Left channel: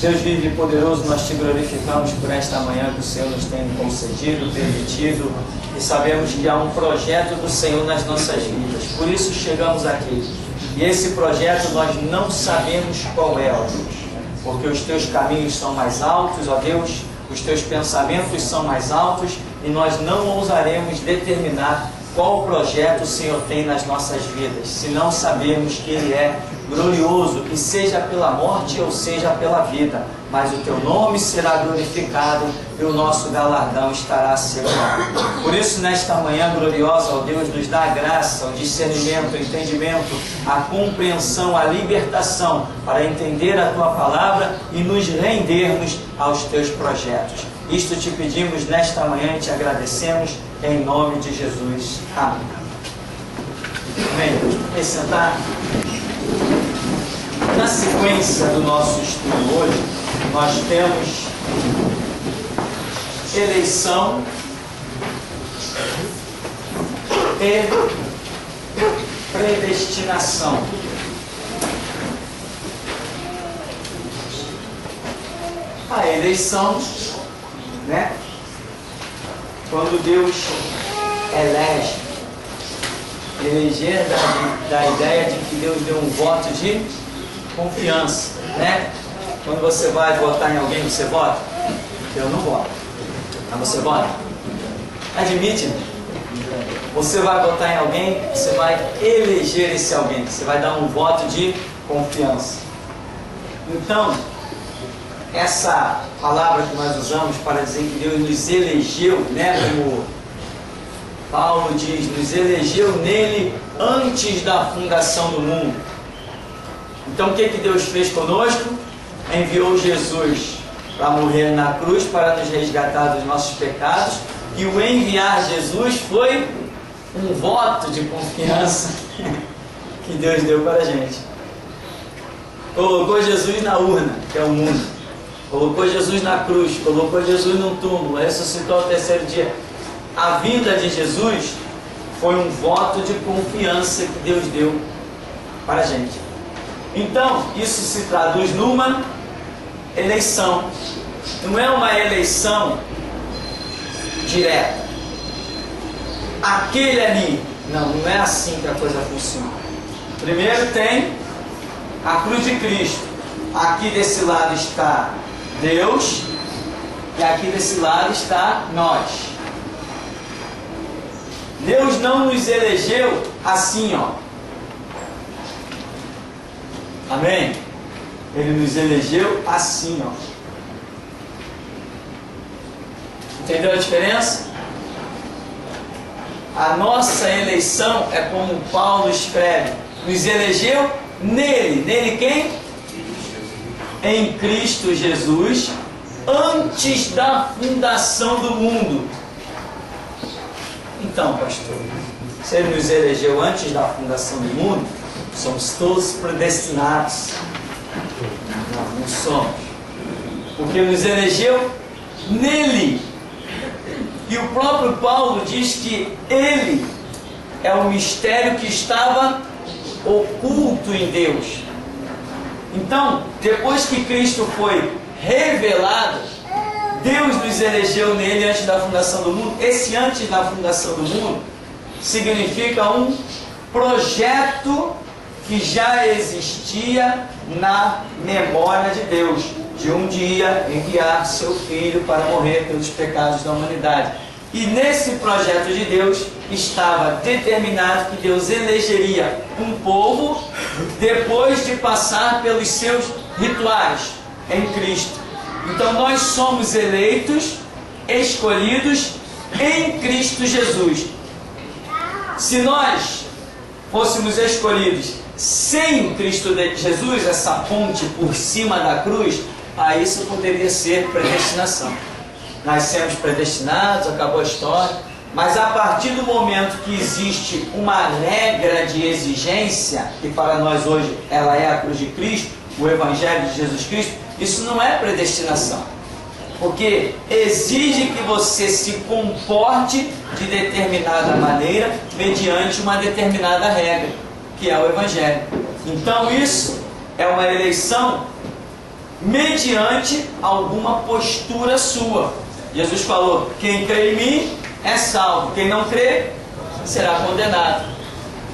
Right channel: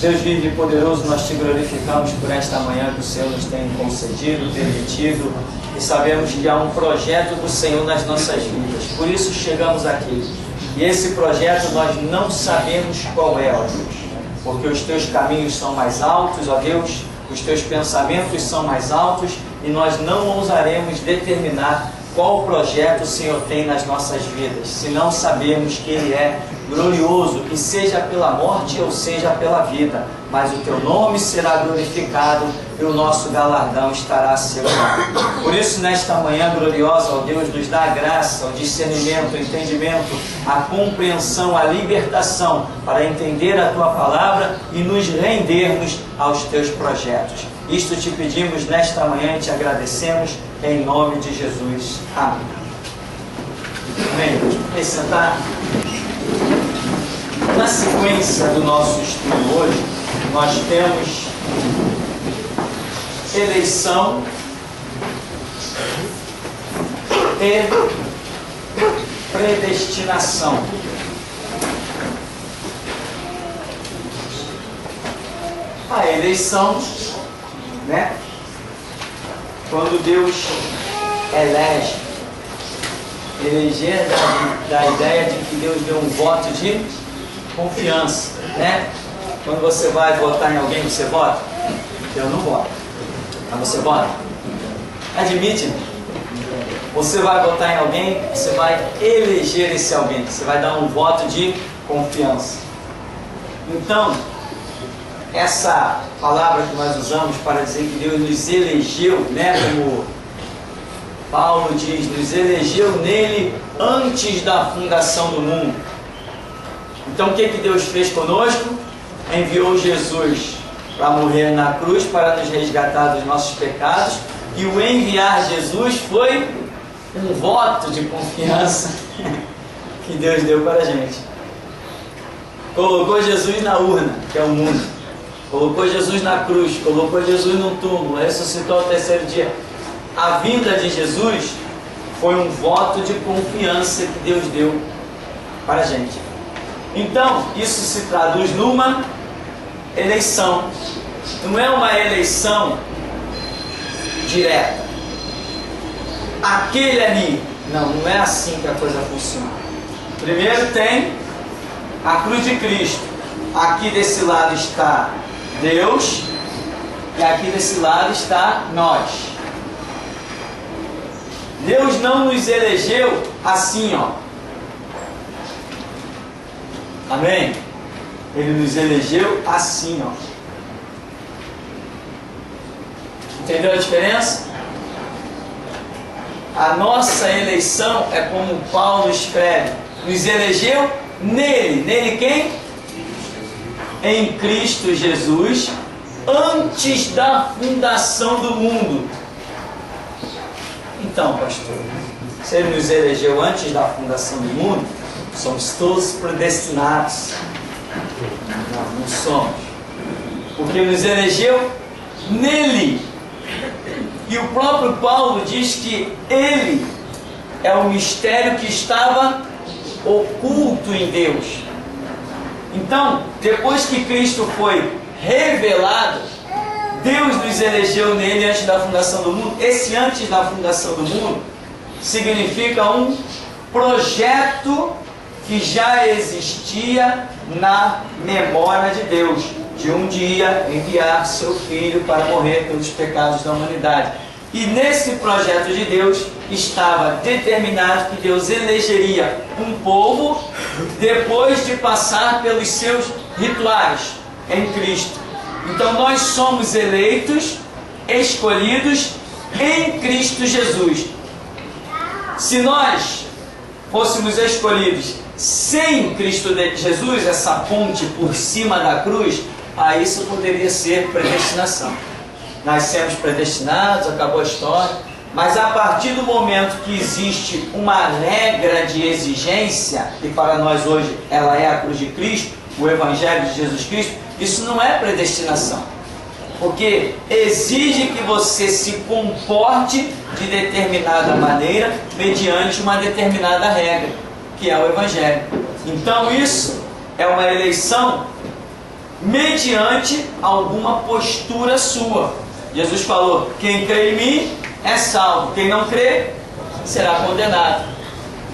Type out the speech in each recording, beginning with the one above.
Deus vive e poderoso, nós te glorificamos por esta manhã que o Senhor nos tem concedido, permitido, e sabemos que há um projeto do Senhor nas nossas vidas. Por isso chegamos aqui. E esse projeto nós não sabemos qual é, ó Deus, porque os teus caminhos são mais altos, ó Deus, os teus pensamentos são mais altos, e nós não ousaremos determinar qual projeto o Senhor tem nas nossas vidas, se não sabemos que Ele é glorioso, que seja pela morte ou seja pela vida, mas o teu nome será glorificado e o nosso galardão estará assegurado. Por isso, nesta manhã gloriosa, ó Deus, nos dá a graça, o discernimento, o entendimento, a compreensão, a libertação para entender a tua palavra e nos rendermos aos teus projetos. Isto te pedimos nesta manhã e te agradecemos em nome de Jesus. Amém. Amém. Vem sentar. Na sequência do nosso estudo hoje, nós temos eleição e predestinação. A eleição, né? Quando Deus elege, eleger da ideia de que Deus deu um voto de confiança, né? Quando você vai votar em alguém, você vota? Eu não voto. Mas você vota? Admite, né? Você vai votar em alguém, você vai eleger esse alguém, você vai dar um voto de confiança. Então, essa palavra que nós usamos para dizer que Deus nos elegeu, né? Como Paulo diz, nos elegeu nele antes da fundação do mundo. Então o que Deus fez conosco? Enviou Jesus para morrer na cruz, para nos resgatar dos nossos pecados, e o enviar Jesus foi um voto de confiança que Deus deu para a gente. Colocou Jesus na urna, que é o mundo, colocou Jesus na cruz, colocou Jesus no túmulo, ressuscitou ao terceiro dia. A vinda de Jesus foi um voto de confiança que Deus deu para a gente. Então, isso se traduz numa eleição. Não é uma eleição direta. Aquele ali. Não é assim que a coisa funciona. Primeiro tem a cruz de Cristo. Aqui desse lado está Deus e aqui desse lado está nós. Deus não nos elegeu assim, ó. Amém? Ele nos elegeu assim, ó. Entendeu a diferença? A nossa eleição é como Paulo escreve. Nos elegeu nele. Nele quem? Em Cristo Jesus, antes da fundação do mundo. Então, pastor, se Ele nos elegeu antes da fundação do mundo, somos todos predestinados. Não somos. Porque nos elegeu nele. E o próprio Paulo diz que Ele é o mistério que estava oculto em Deus. Então, depois que Cristo foi revelado, Deus nos elegeu nele antes da fundação do mundo. Esse antes da fundação do mundo significa um projeto que já existia na memória de Deus, de um dia enviar seu Filho para morrer pelos pecados da humanidade. E nesse projeto de Deus estava determinado que Deus elegeria um povo depois de passar pelos seus rituais em Cristo. Então nós somos eleitos, escolhidos em Cristo Jesus. Se nós fôssemos escolhidos sem Cristo Jesus, essa ponte por cima da cruz, aí isso poderia ser predestinação. Nascemos predestinados, acabou a história. Mas a partir do momento que existe uma regra de exigência, que para nós hoje ela é a cruz de Cristo, o Evangelho de Jesus Cristo, isso não é predestinação. Porque exige que você se comporte de determinada maneira, mediante uma determinada regra, que é o Evangelho. Então isso é uma eleição mediante alguma postura sua. Jesus falou: quem crê em mim é salvo, quem não crê será condenado.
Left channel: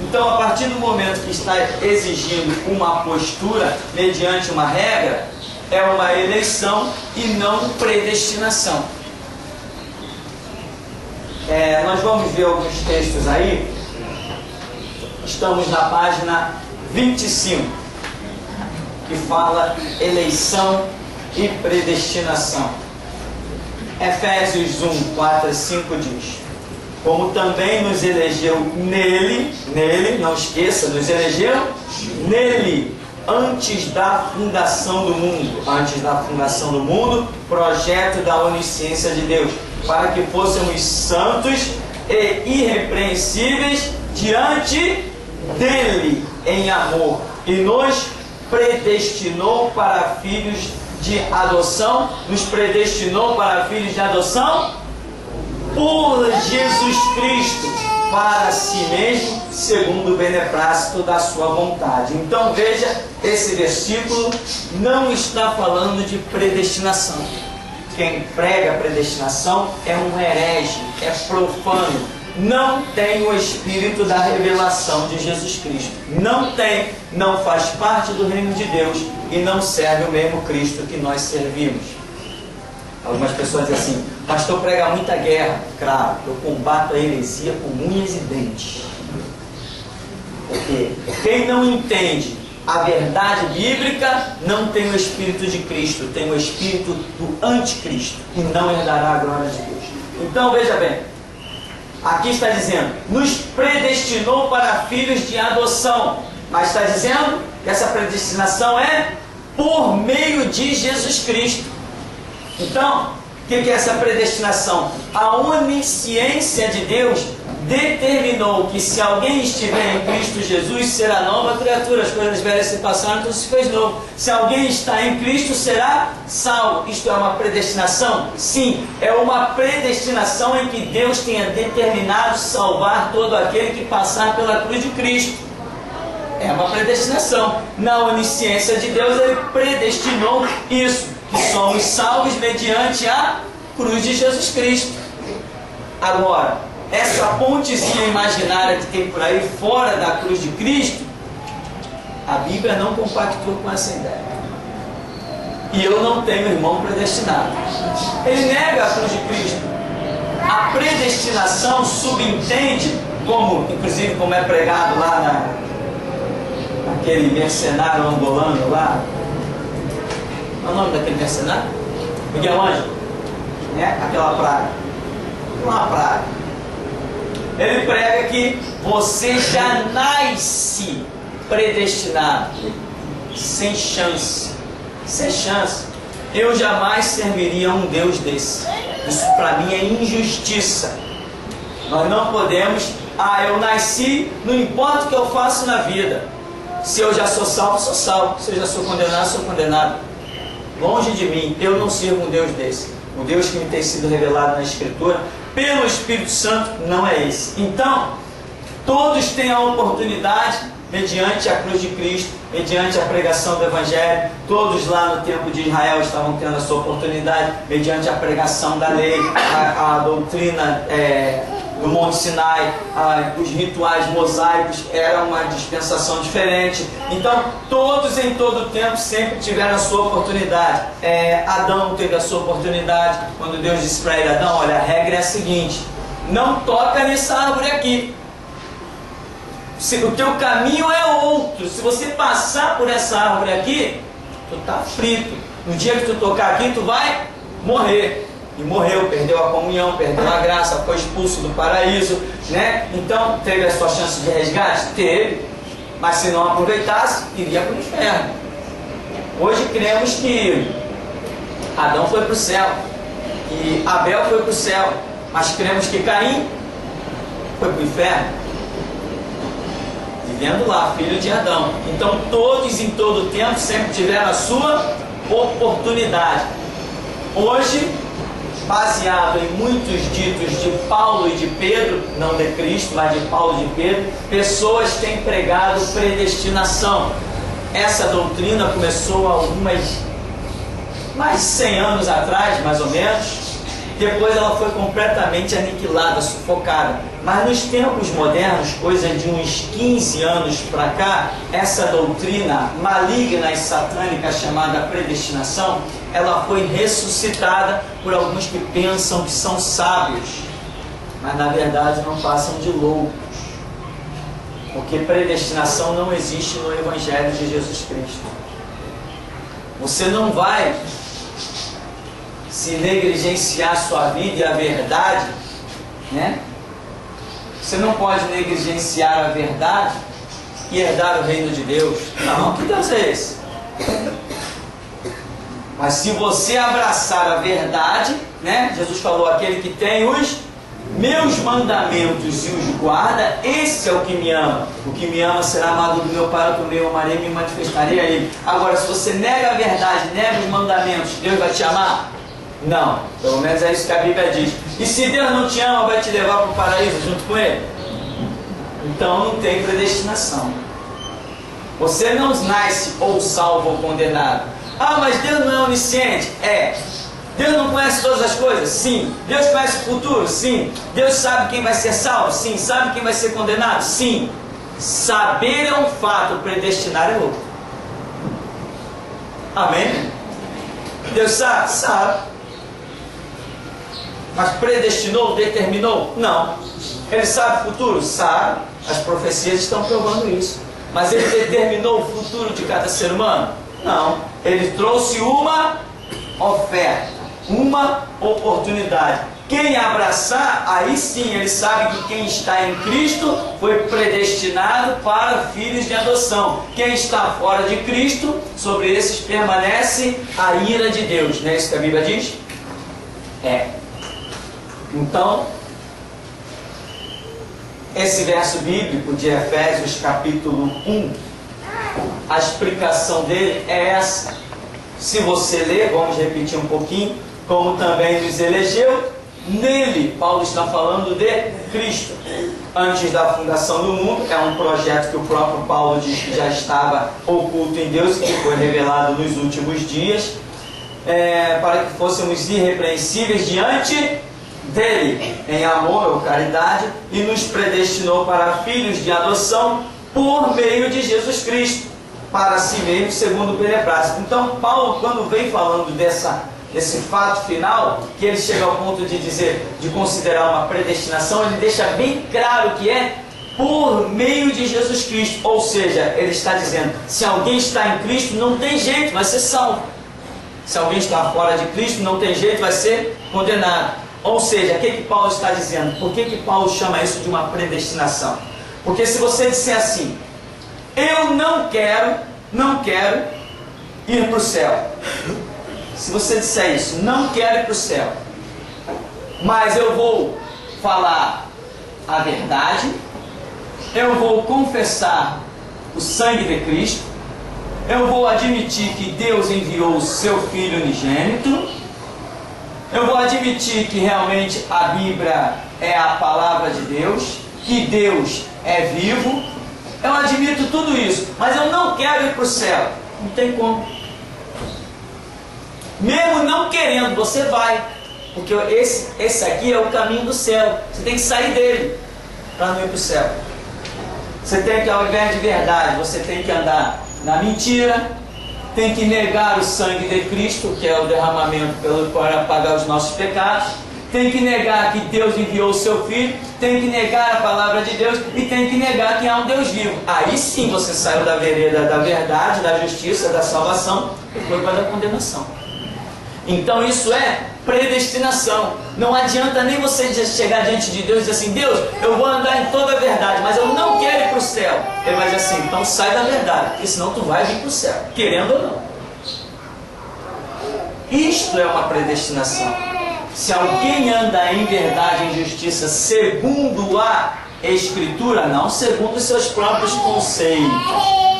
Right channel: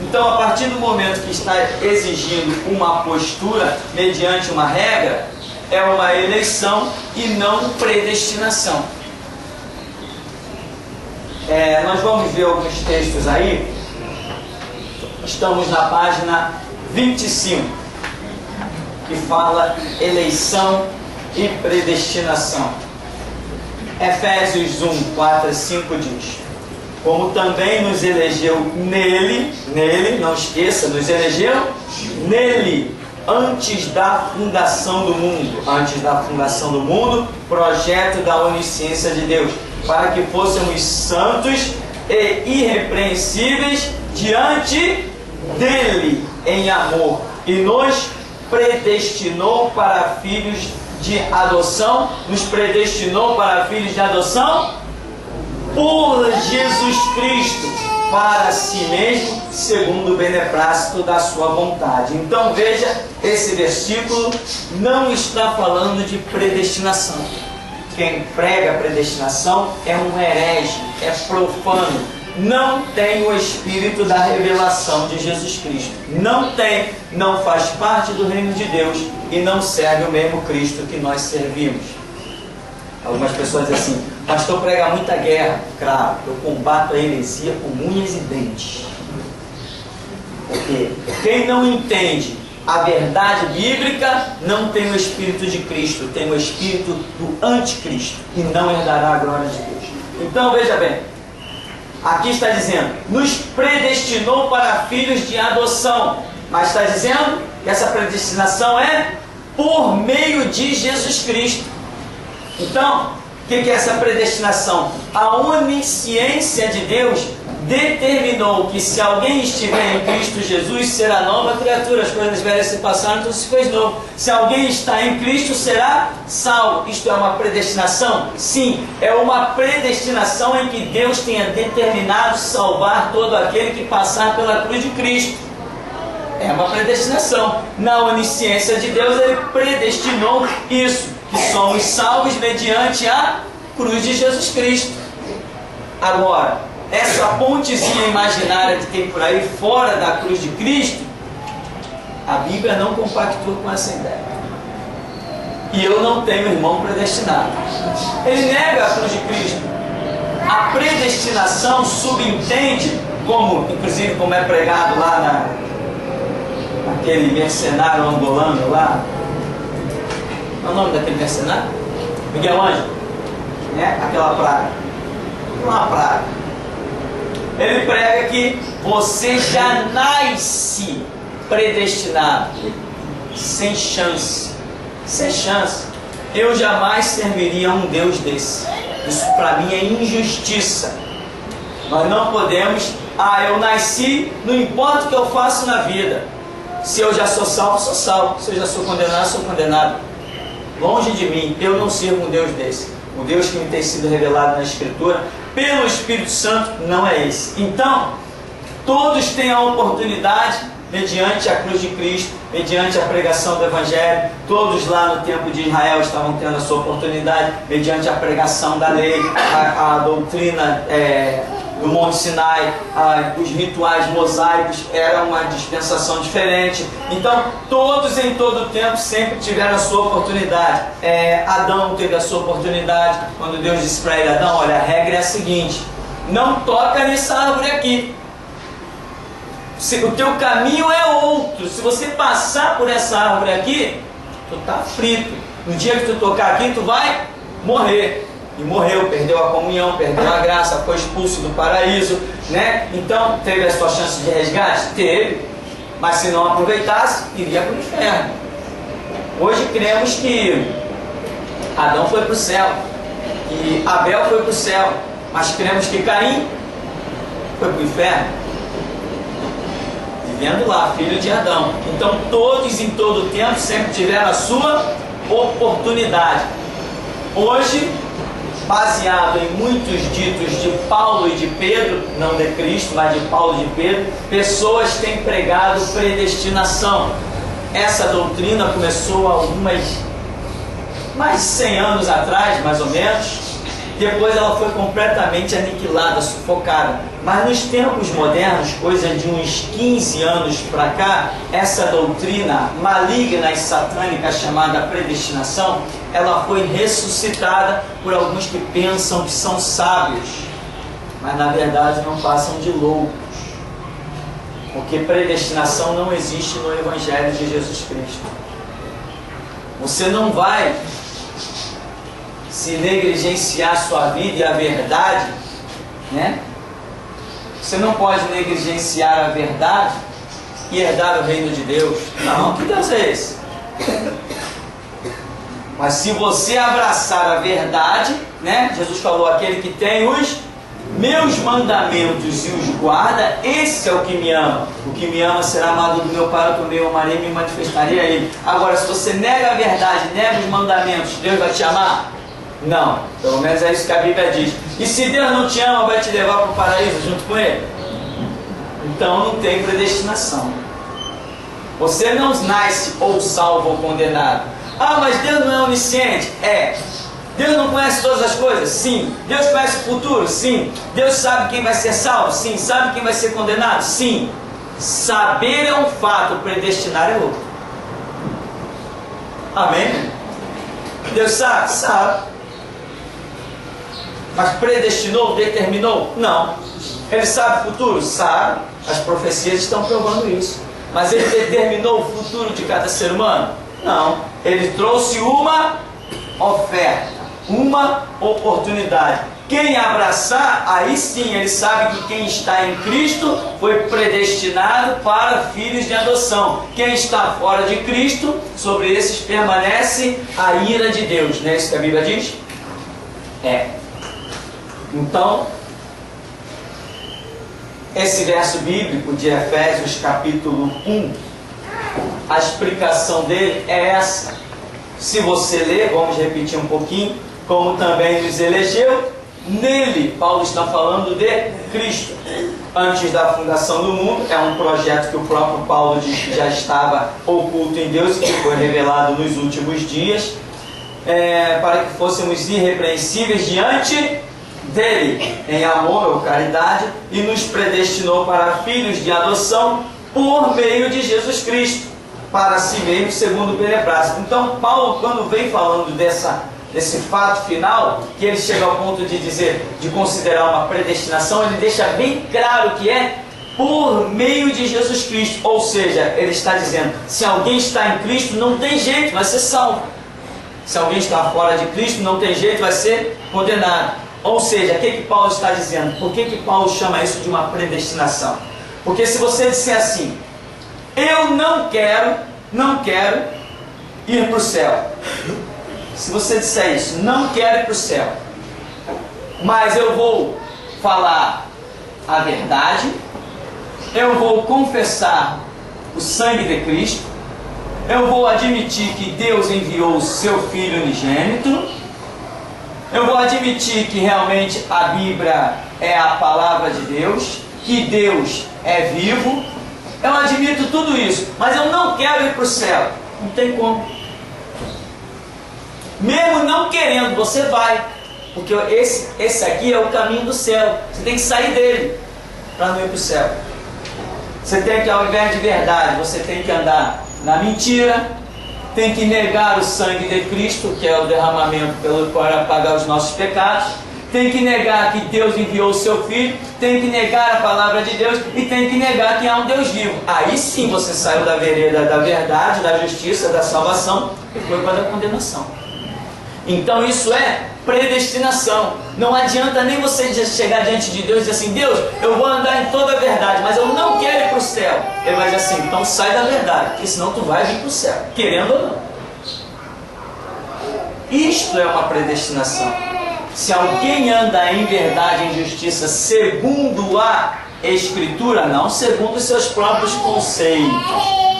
Então, a partir do momento que está exigindo uma postura mediante uma regra, é uma eleição e não predestinação. Nós vamos ver alguns textos aí. Estamos na página 25, que fala eleição e predestinação. Efésios 1, 4 e 5 diz: como também nos elegeu nele, não esqueça, nos elegeu nele, antes da fundação do mundo, projeto da onisciência de Deus, para que fôssemos santos e irrepreensíveis diante dele em amor, e nos predestinou para filhos de adoção, por Jesus Cristo, para si mesmo, segundo o beneplácito da sua vontade. Então veja, esse versículo não está falando de predestinação. Quem prega predestinação é um herege, é profano, não tem o espírito da revelação de Jesus Cristo. Não faz parte do reino de Deus e não serve o mesmo Cristo que nós servimos. Algumas pessoas dizem assim: pastor prega muita guerra. Claro, eu combato a heresia com unhas e dentes. Porque quem não entende a verdade bíblica não tem o Espírito de Cristo, tem o Espírito do anticristo e não herdará a glória de Deus. Então veja bem, aqui está dizendo: nos predestinou para filhos de adoção, mas está dizendo que essa predestinação é por meio de Jesus Cristo. Então, o que é essa predestinação? A onisciência de Deus determinou que se alguém estiver em Cristo Jesus, será nova criatura, as coisas velhas se passaram, então se fez novo. Se alguém está em Cristo, será salvo. Isto é uma predestinação? Sim, é uma predestinação em que Deus tenha determinado salvar todo aquele que passar pela cruz de Cristo. É uma predestinação. Na onisciência de Deus, Ele predestinou isso, que somos salvos mediante a cruz de Jesus Cristo. Agora, essa pontezinha imaginária que tem por aí fora da cruz de Cristo, a Bíblia não compactua com essa ideia. E eu não tenho irmão predestinado. Ele nega a cruz de Cristo. A predestinação subentende, inclusive como é pregado lá naquele mercenário angolano lá. Qual é o nome daquele mercenário? Miguel Ângelo. Aquela praga. Uma praga. Ele prega que você já nasce predestinado, sem chance. Sem chance. Eu jamais serviria a um Deus desse. Isso para mim é injustiça. Nós não podemos: eu nasci, não importa o que eu faço na vida. Se eu já sou salvo, sou salvo. Se eu já sou condenado, sou condenado. Longe de mim, eu não sirvo um Deus desse. O Deus que me tem sido revelado na Escritura pelo Espírito Santo não é esse. Então, todos têm a oportunidade, mediante a cruz de Cristo, mediante a pregação do Evangelho. Todos lá no tempo de Israel estavam tendo a sua oportunidade, mediante a pregação da lei, a doutrina do Monte Sinai, os rituais mosaicos, era uma dispensação diferente. Então, todos em todo o tempo sempre tiveram a sua oportunidade. Adão teve a sua oportunidade, quando Deus disse para ele: Adão, olha, a regra é a seguinte, não toca nessa árvore aqui. O teu caminho é outro. Se você passar por essa árvore aqui, tu está frito. No dia que tu tocar aqui, tu vai morrer. E morreu, perdeu a comunhão, perdeu a graça, foi expulso do paraíso, né? Então, teve a sua chance de resgate? Teve. Mas se não aproveitasse, iria para o inferno. Hoje cremos que Adão foi para o céu, que Abel foi para o céu, mas cremos que Caim foi para o inferno, vivendo lá, filho de Adão. Então, todos em todo o tempo sempre tiveram a sua oportunidade. Hoje, baseado em muitos ditos de Paulo e de Pedro, não de Cristo, mas de Paulo e de Pedro, pessoas têm pregado predestinação. Essa doutrina começou há algumas mais de 100 anos atrás, mais ou menos. Depois ela foi completamente aniquilada, sufocada. Mas nos tempos modernos, coisa de uns 15 anos para cá, essa doutrina maligna e satânica chamada predestinação, ela foi ressuscitada por alguns que pensam que são sábios, mas na verdade não passam de loucos. Porque predestinação não existe no Evangelho de Jesus Cristo. Você não vai se negligenciar a sua vida e a verdade, né? Você não pode negligenciar a verdade e herdar o reino de Deus. Não, que Deus é esse? Mas se você abraçar a verdade, né? Jesus falou, aquele que tem os meus mandamentos e os guarda, esse é o que me ama. O que me ama será amado do meu Pai, que eu amarei e me manifestarei a ele. Agora, se você nega a verdade, nega os mandamentos, Deus vai te amar? Não, pelo menos é isso que a Bíblia diz. E se Deus não te ama, vai te levar para o paraíso junto com Ele? Então não tem predestinação. Você não nasce ou salvo ou condenado. Ah, mas Deus não é onisciente? É. Deus não conhece todas as coisas? Sim. Deus conhece o futuro? Sim. Deus sabe quem vai ser salvo? Sim. Sabe quem vai ser condenado? Sim. Saber é um fato, predestinar é outro. Amém? Deus sabe? Sabe. Mas predestinou, determinou? Não. Ele sabe o futuro? Sabe. As profecias estão provando isso. Mas ele determinou o futuro de cada ser humano? Não. Ele trouxe uma oferta, uma oportunidade. Quem abraçar, aí sim ele sabe que quem está em Cristo foi predestinado para filhos de adoção. Quem está fora de Cristo, sobre esses permanece a ira de Deus. Não é isso que a Bíblia diz? É. Então, esse verso bíblico de Efésios capítulo 1, a explicação dele é essa. Se você ler, vamos repetir um pouquinho, como também nos elegeu, nele, Paulo está falando de Cristo. Antes da fundação do mundo, é um projeto que o próprio Paulo diz que já estava oculto em Deus e que foi revelado nos últimos dias, para que fôssemos irrepreensíveis diante dele, em amor ou caridade, e nos predestinou para filhos de adoção por meio de Jesus Cristo, para si mesmo, segundo o beneplácito. Então, Paulo, quando vem falando desse fato final, que ele chega ao ponto de dizer, de considerar uma predestinação, ele deixa bem claro que é por meio de Jesus Cristo. Ou seja, ele está dizendo, se alguém está em Cristo, não tem jeito, vai ser salvo. Se alguém está fora de Cristo, não tem jeito, vai ser condenado. Ou seja, o que Paulo está dizendo? Por que Paulo chama isso de uma predestinação? Porque se você disser assim, eu não quero ir para o céu. Se você disser isso, não quero ir para o céu, mas eu vou falar a verdade, eu vou confessar o sangue de Cristo, eu vou admitir que Deus enviou o seu Filho unigênito, eu vou admitir que realmente a Bíblia é a palavra de Deus, que Deus é vivo, eu admito tudo isso, mas eu não quero ir para o céu. Não tem como. Mesmo não querendo, você vai, porque esse aqui é o caminho do céu. Você tem que sair dele para não ir para o céu. Você tem que, ao invés de verdade, você tem que andar na mentira, tem que negar o sangue de Cristo, que é o derramamento para pagar os nossos pecados, tem que negar que Deus enviou o seu Filho, tem que negar a palavra de Deus e tem que negar que há um Deus vivo. Aí sim você saiu da vereda da verdade, da justiça, da salvação e foi para a condenação. Então isso é predestinação. Não adianta nem você chegar diante de Deus e dizer assim, Deus, eu vou andar em toda a verdade, mas eu não quero ir para o céu. Ele vai dizer assim, então sai da verdade, porque senão tu vai vir para o céu, querendo ou não. Isto é uma predestinação. Se alguém anda em verdade, em justiça, segundo a Escritura, não segundo os seus próprios conceitos,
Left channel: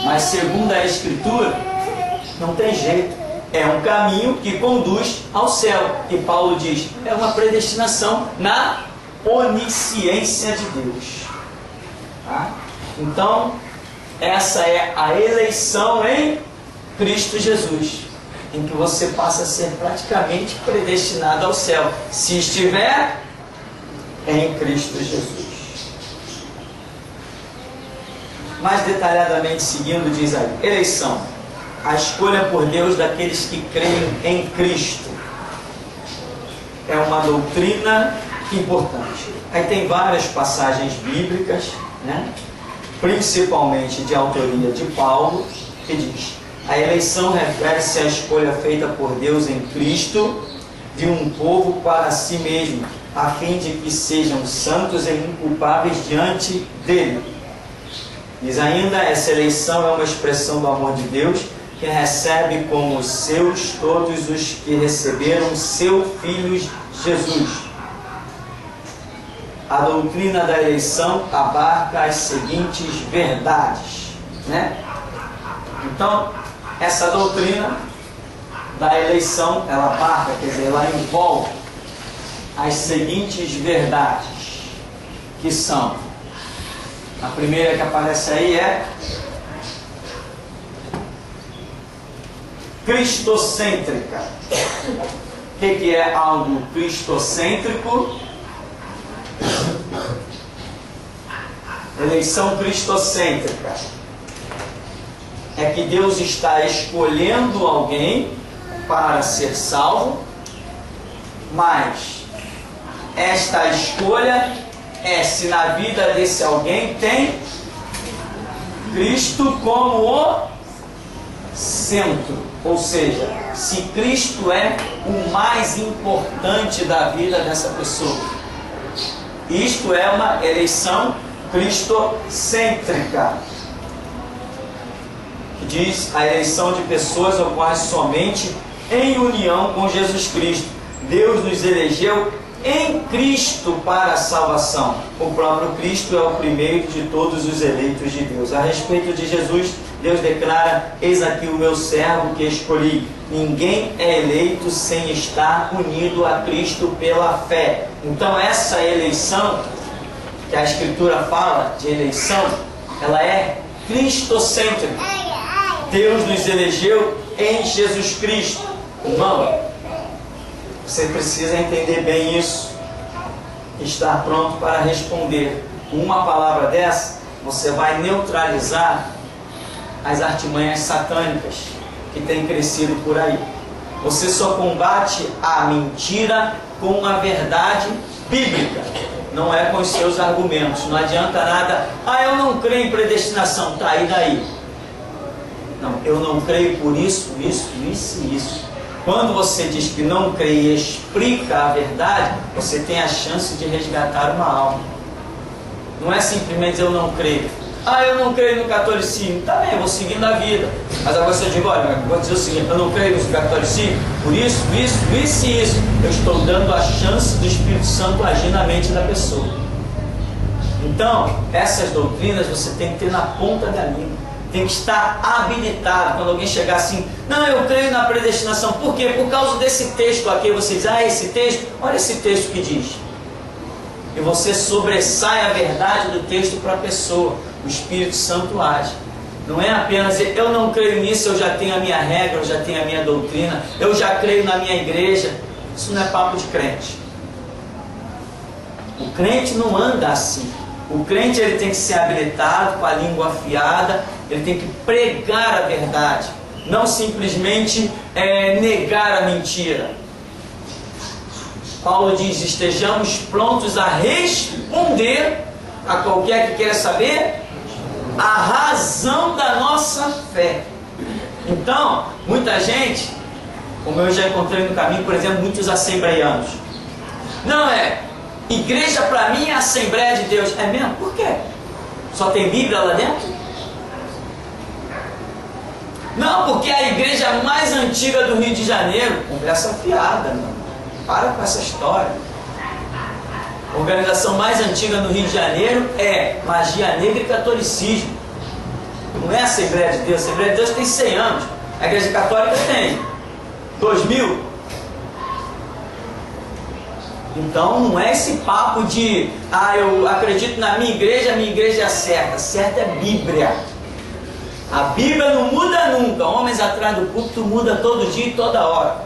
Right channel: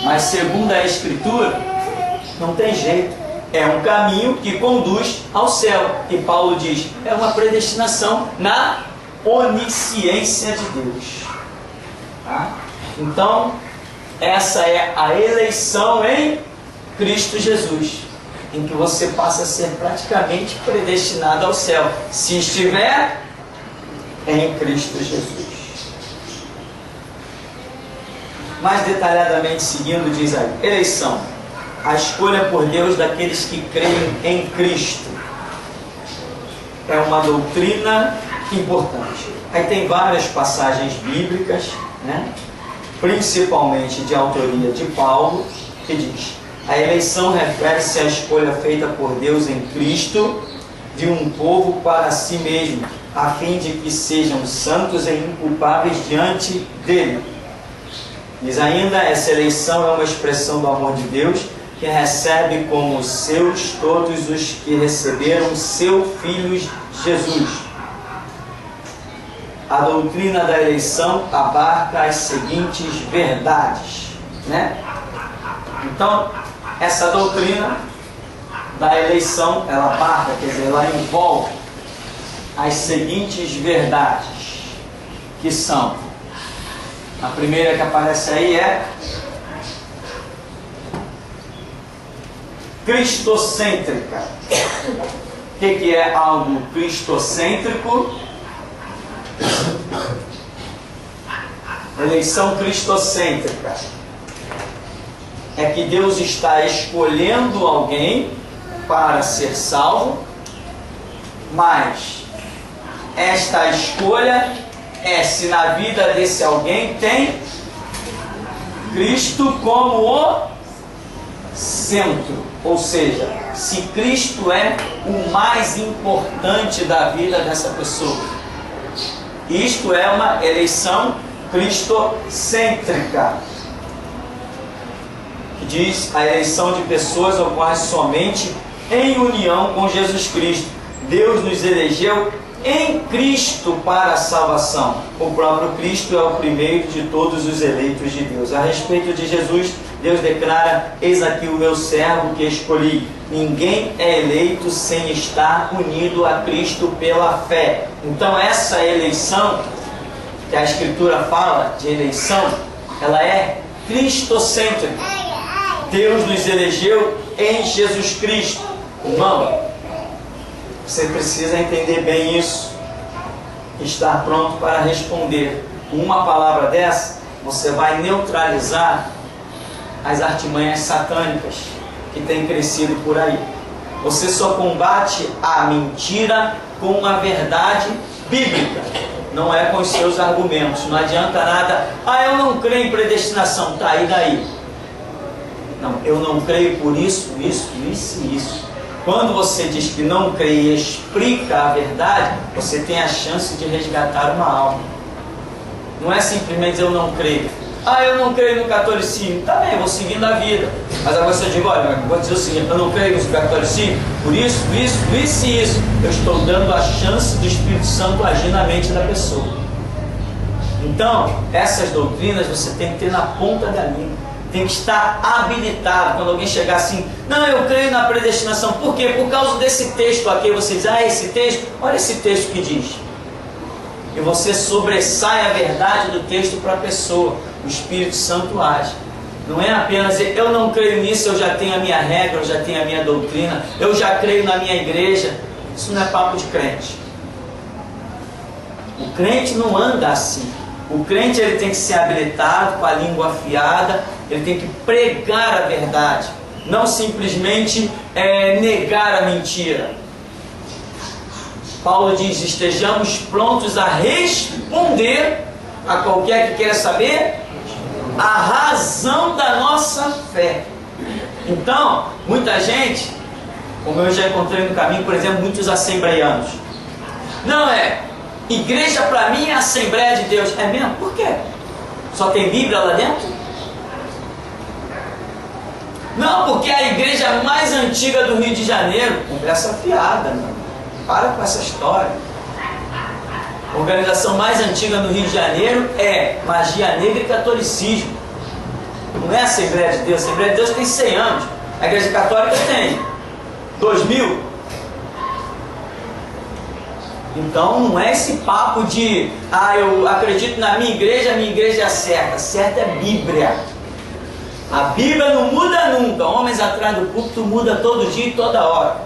mas segundo a Escritura, não tem jeito. É um caminho que conduz ao céu. E Paulo diz, é uma predestinação na onisciência de Deus. Tá? Então, essa é a eleição em Cristo Jesus. em que você passa a ser praticamente predestinado ao céu, se estiver em Cristo Jesus. Mais detalhadamente seguindo, diz aí: eleição, a escolha por Deus daqueles que creem em Cristo. É uma doutrina importante. Aí tem várias passagens bíblicas, né? Principalmente de autoria de Paulo, que diz: a eleição refere-se à escolha feita por Deus em Cristo de um povo para si mesmo, a fim de que sejam santos e inculpáveis diante dele. Diz ainda: essa eleição é uma expressão do amor de Deus, que recebe como seus todos os que receberam seu Filho Jesus. A doutrina da eleição abarca as seguintes verdades, né? Então, essa doutrina da eleição, ela abarca, quer dizer, ela envolve as seguintes verdades, que são: a primeira que aparece aí é cristocêntrica. O que é algo cristocêntrico? Eleição cristocêntrica é que Deus está escolhendo alguém para ser salvo, mas esta escolha é se na vida desse alguém tem Cristo como o centro, ou seja, se Cristo é o mais importante da vida dessa pessoa. Isto é uma eleição cristocêntrica, que diz: a eleição de pessoas ocorre somente em união com Jesus Cristo. Deus nos elegeu em Cristo para a salvação. O próprio Cristo é o primeiro de todos os eleitos de Deus. A respeito de Jesus, Deus declara: eis aqui o meu servo que escolhi. Ninguém é eleito sem estar unido a Cristo pela fé. Então essa eleição, que a Escritura fala de eleição, ela é cristocêntrica. Deus nos elegeu em Jesus Cristo. Irmão, você precisa entender bem isso, estar pronto para responder. Com uma palavra dessa, você vai neutralizar as artimanhas satânicas que têm crescido por aí. Você só combate a mentira com a verdade bíblica, não é com os seus argumentos. Não adianta nada: ah, eu não creio em predestinação. Tá, e daí? Não, eu não creio por isso, isso, isso e isso. Quando você diz que não crê e explica a verdade, você tem a chance de resgatar uma alma. Não é simplesmente dizer: eu não creio. Ah, eu não creio no catolicismo. Tá bem, eu vou seguindo a vida. Mas agora você diz: olha, eu vou dizer o seguinte: eu não creio no catolicismo, por isso, isso, isso e isso. Eu estou dando a chance do Espírito Santo agir na mente da pessoa. Então, essas doutrinas você tem que ter na ponta da língua. Tem que estar habilitado. Quando alguém chegar assim: não, eu creio na predestinação. Por quê? Por causa desse texto aqui. Você diz: ah, esse texto, olha esse texto que diz. E você sobressai a verdade do texto para a pessoa. O Espírito Santo age. Não é apenas dizer: eu não creio nisso, eu já tenho a minha regra, eu já tenho a minha doutrina, eu já creio na minha igreja. Isso não é papo de crente. O crente não anda assim. O crente, ele tem que ser habilitado, com a língua afiada, ele tem que pregar a verdade, não simplesmente negar a mentira. Paulo diz: estejamos prontos a responder a qualquer que queira saber a razão da nossa fé. Então, muita gente, como eu já encontrei no caminho, por exemplo, muitos assembleianos: não, igreja para mim é a Assembleia de Deus. É mesmo? Por quê? Só tem Bíblia lá dentro? Não, porque é a igreja mais antiga do Rio de Janeiro. Conversa fiada, mano. Para com essa história. A organização mais antiga no Rio de Janeiro é Magia Negra e Catolicismo. Não é a Assembleia de Deus. A Assembleia de Deus tem 100 anos. A Igreja Católica tem 2000. Então não é esse papo de: ah, eu acredito na minha igreja é a certa. Certa é Bíblia. A Bíblia não muda nunca. Homens atrás do púlpito muda todo dia e toda hora.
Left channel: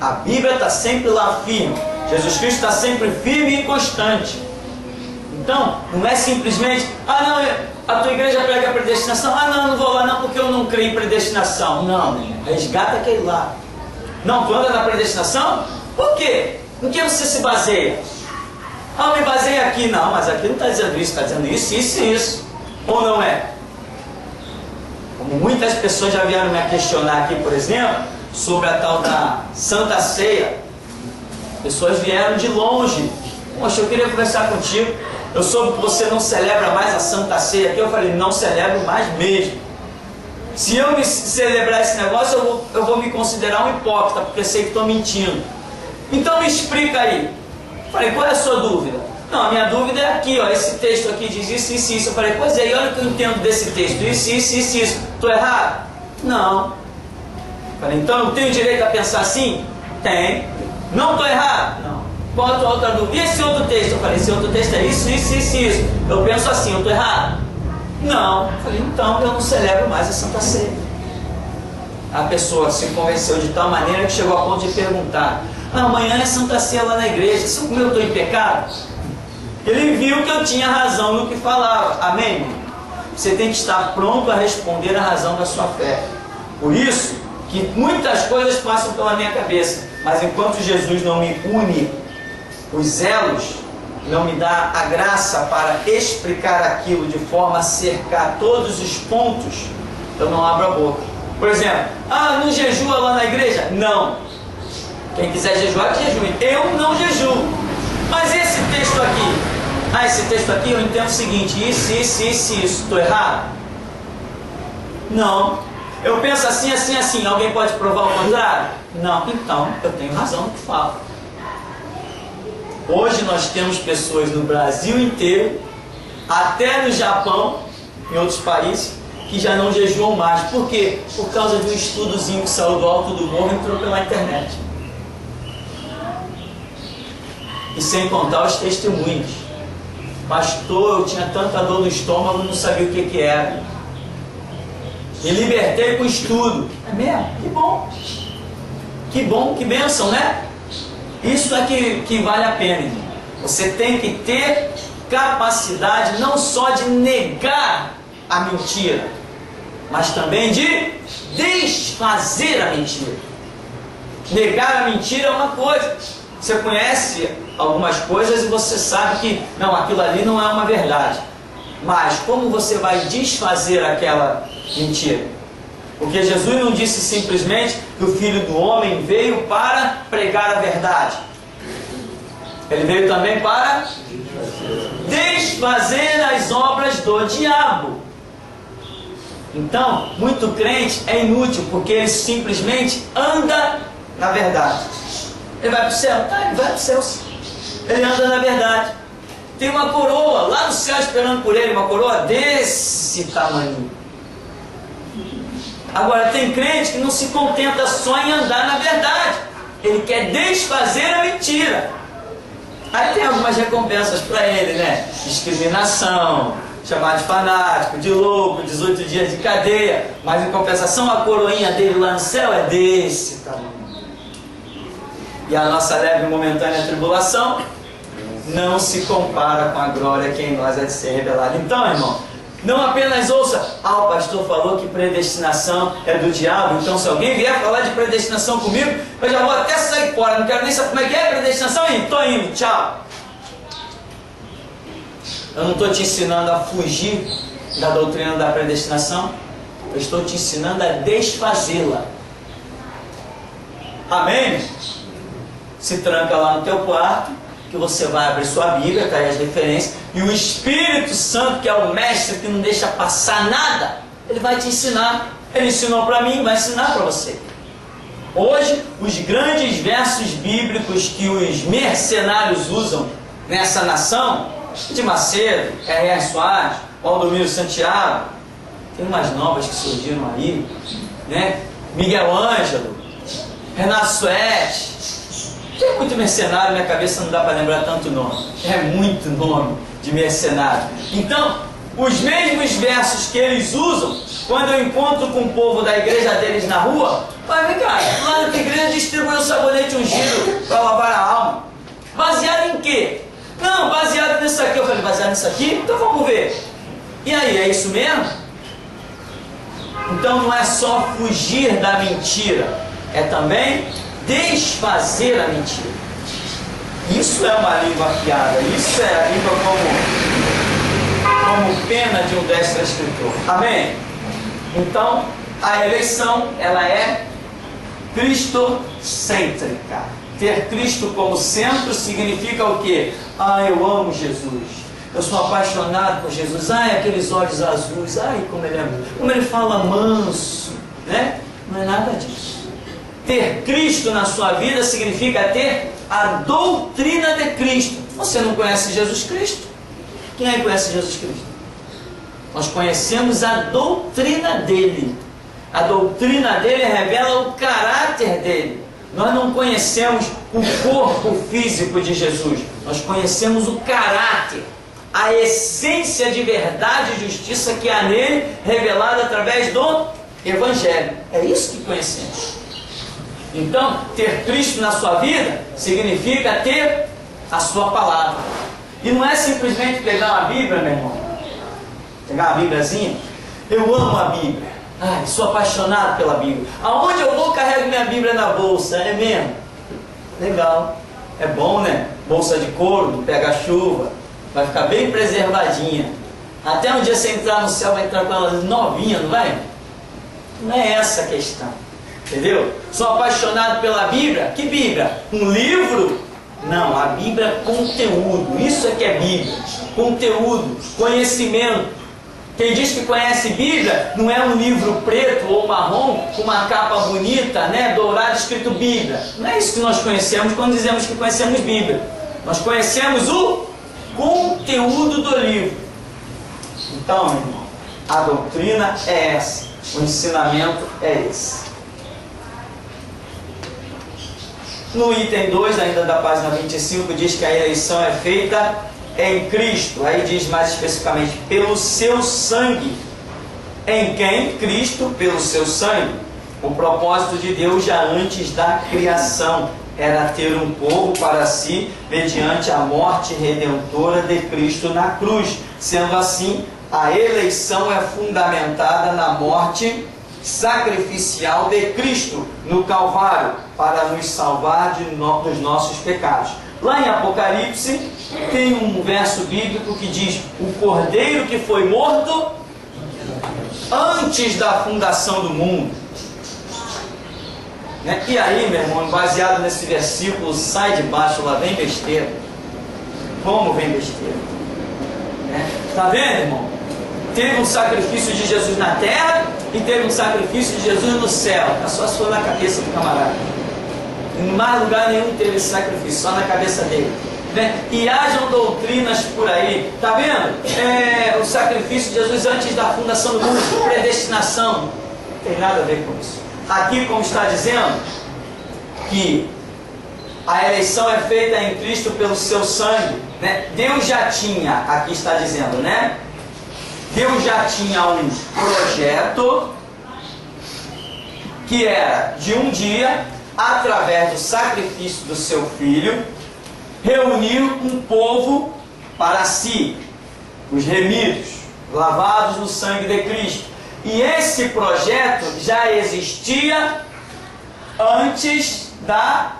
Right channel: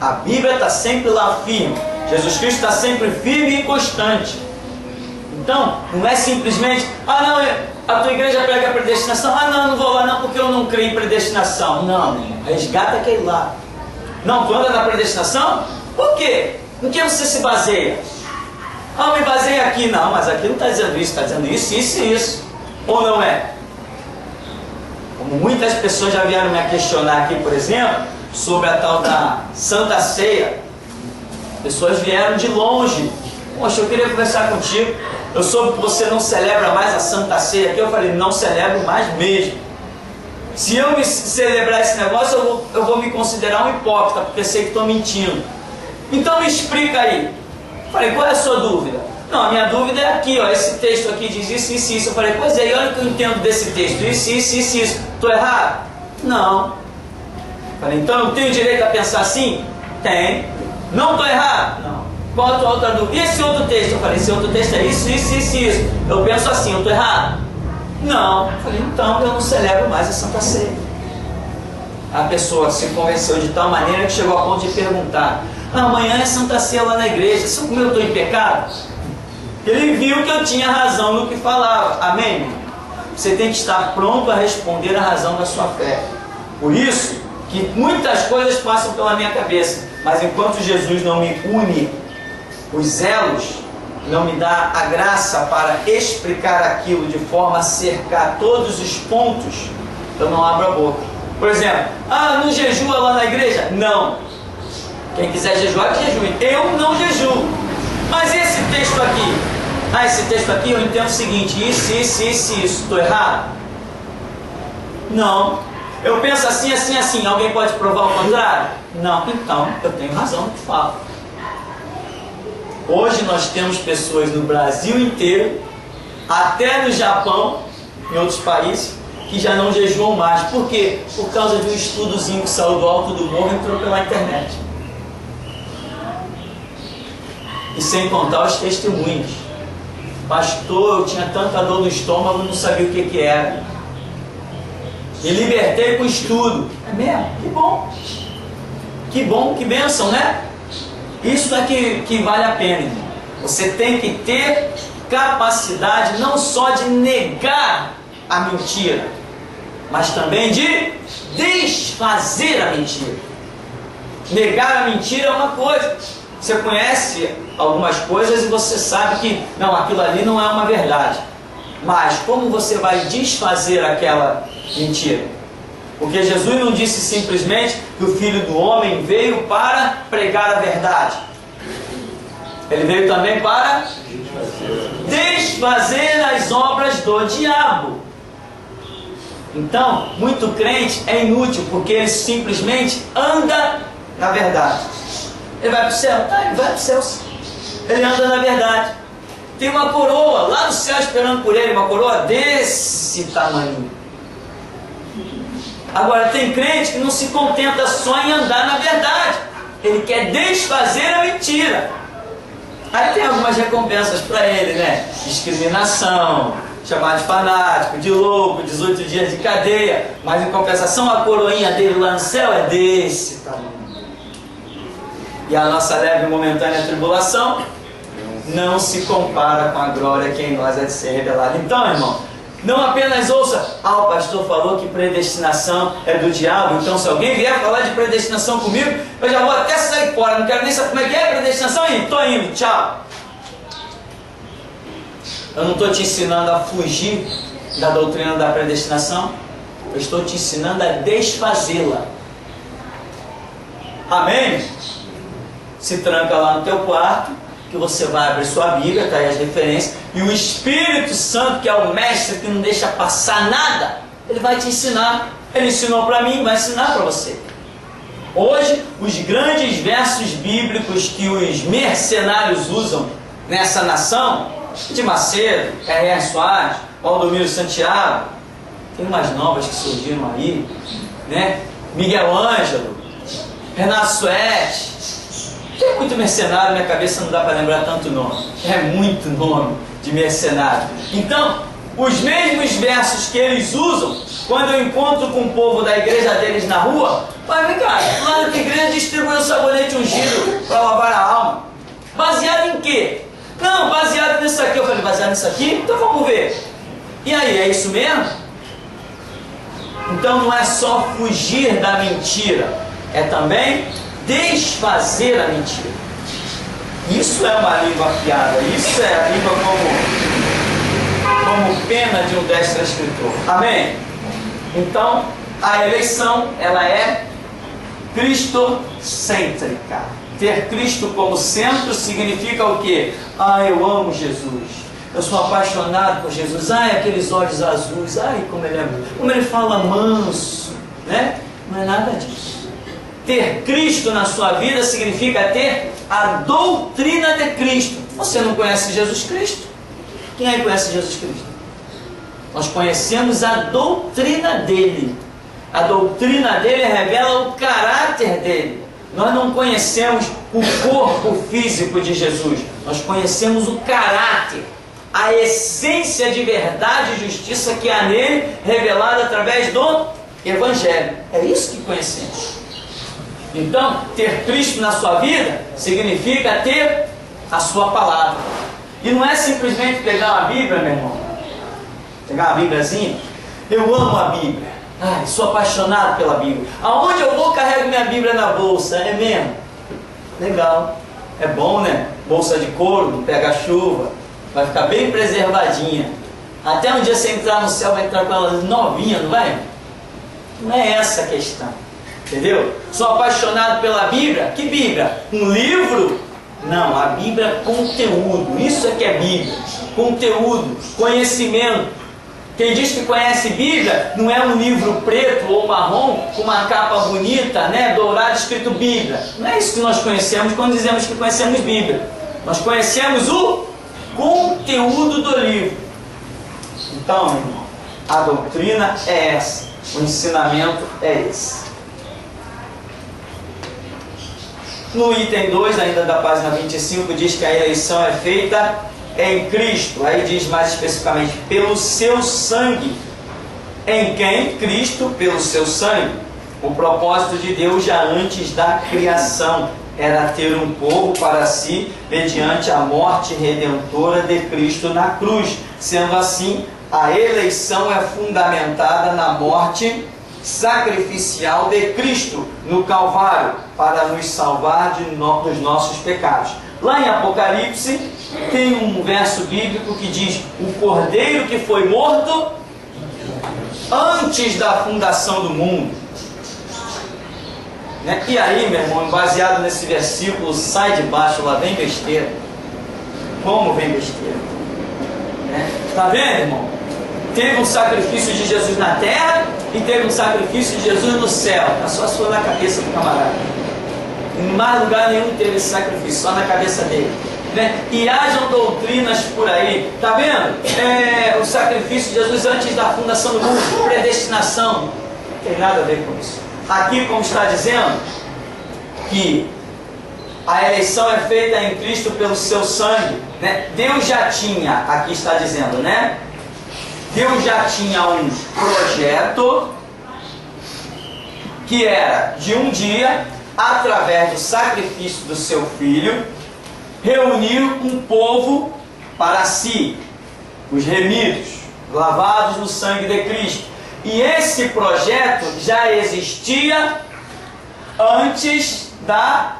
A Bíblia está sempre lá firme. Jesus Cristo está sempre firme e constante. Então, não é simplesmente, não, a tua igreja prega a predestinação. Não vou lá não porque eu não creio em predestinação. Não, resgata aquele lá. Não, tu anda na predestinação? Por quê? Em que você se baseia? Eu me baseio aqui. Não, mas aqui não está dizendo isso, está dizendo isso, isso e isso. Ou não é? Como muitas pessoas já vieram me questionar aqui, por exemplo, sobre a tal da Santa Ceia. Pessoas vieram de longe. Poxa, eu queria conversar contigo. Eu soube que você não celebra mais a Santa Ceia aqui. Eu falei, não celebro mais mesmo. Se eu me celebrar esse negócio, eu vou me considerar um hipócrita, porque sei que estou mentindo. Então me explica aí. Eu falei, qual é a sua dúvida? Não, a minha dúvida é aqui, ó, esse texto aqui diz isso, isso, isso. Eu falei, pois é, e olha o que eu entendo desse texto, isso, isso, isso, isso. Estou errado? Não. Eu falei, então eu tenho direito a pensar assim? Tem. Não estou errado? Não. Qual a tua outra dúvida? E esse outro texto? Eu falei, esse outro texto é isso, isso, isso, isso. Eu penso assim, eu estou errado? Não. Eu falei, então eu não celebro mais a Santa Ceia. A pessoa se convenceu de tal maneira que chegou a ponto de perguntar, amanhã é Santa Ceia lá na igreja, se eu estou em pecado? Ele viu que eu tinha razão no que falava. Amém? Você tem que estar pronto a responder a razão da sua fé. Por isso que muitas coisas passam pela minha cabeça, mas enquanto Jesus não me une os elos, não me dá a graça para explicar aquilo de forma a cercar todos os pontos, eu não abro a boca. Por exemplo, não jejua lá na igreja? Não. Quem quiser jejuar, que jejue. Eu não jejuo. Mas esse texto aqui? Esse texto aqui eu entendo o seguinte, isso, isso, isso, isso. Estou errado? Não. Eu penso assim, assim, assim. Alguém pode provar o contrário? Não. Então, eu tenho razão no que falo. Hoje nós temos pessoas no Brasil inteiro, até no Japão, em outros países, que já não jejuam mais. Por quê? Por causa de um estudozinho que saiu do alto do morro e entrou pela internet. E sem contar os testemunhos. Pastor, eu tinha tanta dor no estômago, não sabia o que era. Me libertei com estudo. É mesmo? Que bom. Que bom, que bênção, né? Isso é que vale a pena, irmão. Você tem que ter capacidade não só de negar a mentira, mas também de desfazer a mentira. Negar a mentira é uma coisa. Você conhece algumas coisas e você sabe que não, aquilo ali não é uma verdade. Mas como você vai desfazer aquela mentira? Porque Jesus não disse simplesmente que o Filho do Homem veio para pregar a verdade. Ele veio também para desfazer as obras do diabo. Então, muito crente é inútil, porque ele simplesmente anda na verdade. Ele vai para o céu? Ele vai para o céu. Ele anda na verdade. Tem uma coroa lá no céu esperando por ele, uma coroa desse tamanho. Agora tem crente que não se contenta só em andar na verdade. Ele quer desfazer a mentira. Aí tem algumas recompensas para ele, né? Discriminação, chamar de fanático, de louco, 18 dias de cadeia. Mas em compensação a coroinha dele lá no céu é desse tamanho. E a nossa leve e momentânea tribulação não se compara com a glória que em nós é de ser revelada. Então, irmão, não apenas ouça, o pastor falou que predestinação é do diabo, então se alguém vier falar de predestinação comigo, eu já vou até sair fora, não quero nem saber como é que é predestinação, e estou indo, tchau. Eu não estou te ensinando a fugir da doutrina da predestinação, eu estou te ensinando a desfazê-la. Amém? Se tranca lá no teu quarto, que você vai abrir sua Bíblia, está aí as referências, e o Espírito Santo, que é o mestre que não deixa passar nada, ele vai te ensinar. Ele ensinou para mim, vai ensinar para você. Hoje, os grandes versos bíblicos que os mercenários usam nessa nação, de Macedo, R.R. Soares, Valdomiro Santiago, tem umas novas que surgiram aí, né? Miguel Ângelo, Renato Suete. Tem muito mercenário, minha cabeça não dá para lembrar tanto nome. É muito nome de mercenário. Então, os mesmos versos que eles usam Quando eu encontro com o povo da igreja deles na rua, mas vem cá, lá na tua igreja distribuiu sabonete ungido para lavar a alma. Baseado em quê? Não, baseado nisso aqui. Eu falei, baseado nisso aqui? Então vamos ver. E aí, é isso mesmo? Então não é só fugir da mentira, é também desfazer a mentira. Isso é uma língua afiada, isso é a língua como pena de um destro escritor. Amém? Então, a eleição, ela é cristocêntrica. Ter Cristo como centro significa o quê? Ah, eu amo Jesus. Eu sou apaixonado por Jesus. Ai, aqueles olhos azuis. Ai, como ele fala manso, né? Não é nada disso. Ter Cristo na sua vida significa ter a doutrina de Cristo. Você não conhece Jesus Cristo? Quem aí conhece Jesus Cristo? Nós conhecemos a doutrina dele. A doutrina dele revela o caráter dele. Nós não conhecemos o corpo físico de Jesus. Nós conhecemos o caráter, a essência de verdade e justiça que há nele, revelada através do Evangelho. É isso que conhecemos. Então, ter Cristo na sua vida significa ter a sua palavra. E não é simplesmente pegar uma Bíblia, meu irmão. Pegar uma Bíbliazinha. Eu amo a Bíblia. Ai, sou apaixonado pela Bíblia. Aonde eu vou, carrego minha Bíblia na bolsa. É mesmo? Legal. É bom, né? Bolsa de couro, do pega-chuva. Vai ficar bem preservadinha. Até um dia você entrar no céu, vai entrar com ela novinha, não vai? Não é essa a questão. Entendeu? Sou apaixonado pela Bíblia. Que Bíblia? Um livro? Não, a Bíblia é conteúdo. Isso é que é Bíblia. Conteúdo, conhecimento. Quem diz que conhece Bíblia não é um livro preto ou marrom com uma capa bonita, né, dourada, escrito Bíblia. Não é isso que nós conhecemos quando dizemos que conhecemos Bíblia. Nós conhecemos o conteúdo do livro. Então, meu irmão, a doutrina é essa, o ensinamento é esse. No item 2, ainda da página 25, diz que a eleição é feita em Cristo. Aí diz mais especificamente, pelo seu sangue. Em quem? Cristo, pelo seu sangue. O propósito de Deus já antes da criação era ter um povo para si, mediante a morte redentora de Cristo na cruz. Sendo assim, a eleição é fundamentada na morte sacrificial de Cristo no Calvário, para nos salvar dos nossos pecados. Lá em Apocalipse, tem um verso bíblico que diz: o cordeiro que foi morto antes da fundação do mundo. Né? E aí, meu irmão, baseado nesse versículo, sai de baixo, lá vem besteira. Como vem besteira? Tá vendo, irmão? Teve um sacrifício de Jesus na terra e teve um sacrifício de Jesus no céu. É só se for na cabeça do camarada. Em mais lugar nenhum teve esse sacrifício, só na cabeça dele. Né? E hajam doutrinas por aí, tá vendo? O sacrifício de Jesus antes da fundação do mundo, predestinação, não tem nada a ver com isso. Aqui, como está dizendo, que a eleição é feita em Cristo pelo seu sangue, né? Deus já tinha, aqui está dizendo, né? Deus já tinha um projeto que era de um dia, através do sacrifício do seu filho, reunir um povo para si, os remidos, lavados no sangue de Cristo. E esse projeto já existia antes da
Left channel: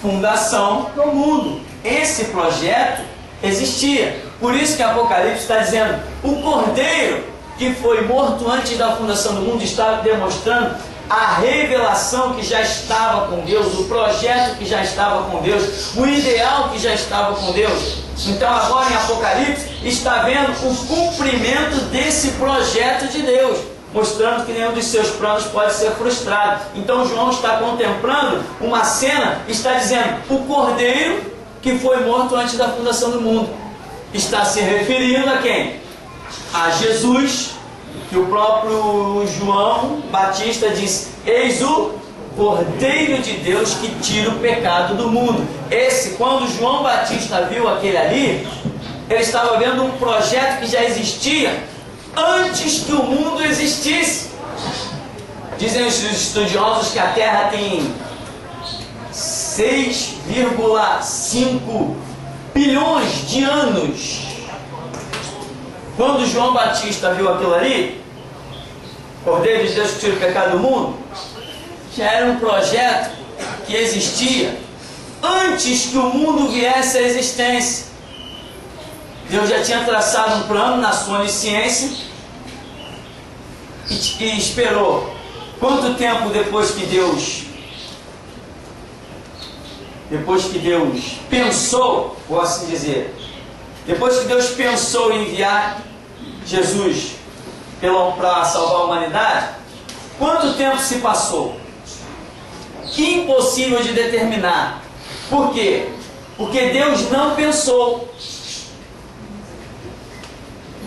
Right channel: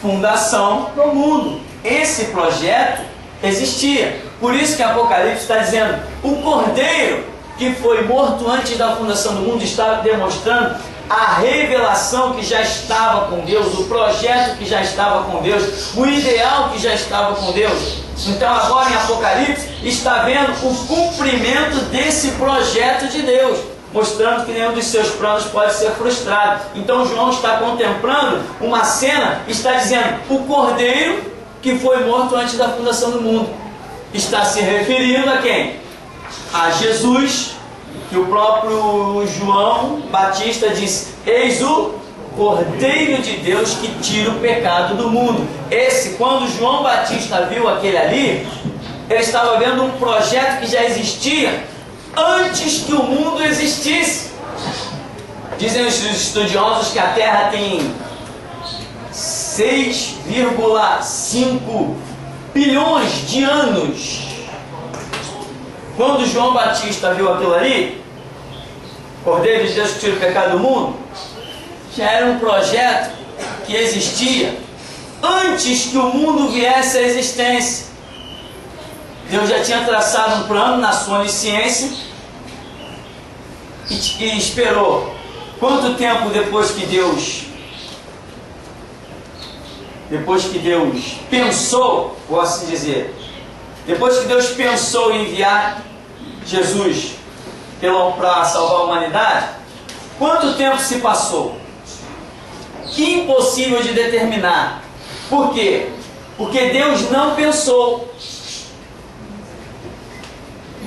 fundação do mundo. Esse projeto existia. Por isso que Apocalipse está dizendo: o cordeiro que foi morto antes da fundação do mundo está demonstrando a revelação que já estava com Deus, o projeto que já estava com Deus, o ideal que já estava com Deus. Então agora em Apocalipse está vendo o cumprimento desse projeto de Deus, mostrando que nenhum dos seus planos pode ser frustrado. Então João está contemplando uma cena, está dizendo: o cordeiro que foi morto antes da fundação do mundo. Está se referindo a quem? A Jesus, que o próprio João Batista disse: eis o Cordeiro de Deus que tira o pecado do mundo. Esse, quando João Batista viu aquele ali, ele estava vendo um projeto que já existia antes que o mundo existisse. Dizem os estudiosos que a Terra tem 6,5 bilhões de anos. Quando João Batista viu aquilo ali, Cordeiro de Deus que tira o pecado do mundo, já era um projeto que existia antes que o mundo viesse à existência. Deus já tinha traçado um plano na sua onisciência e esperou. Quanto tempo depois que Deus pensou, vou assim dizer, depois que Deus pensou em enviar Jesus para salvar a humanidade, quanto tempo se passou? Impossível de determinar. Por quê? Porque Deus não pensou.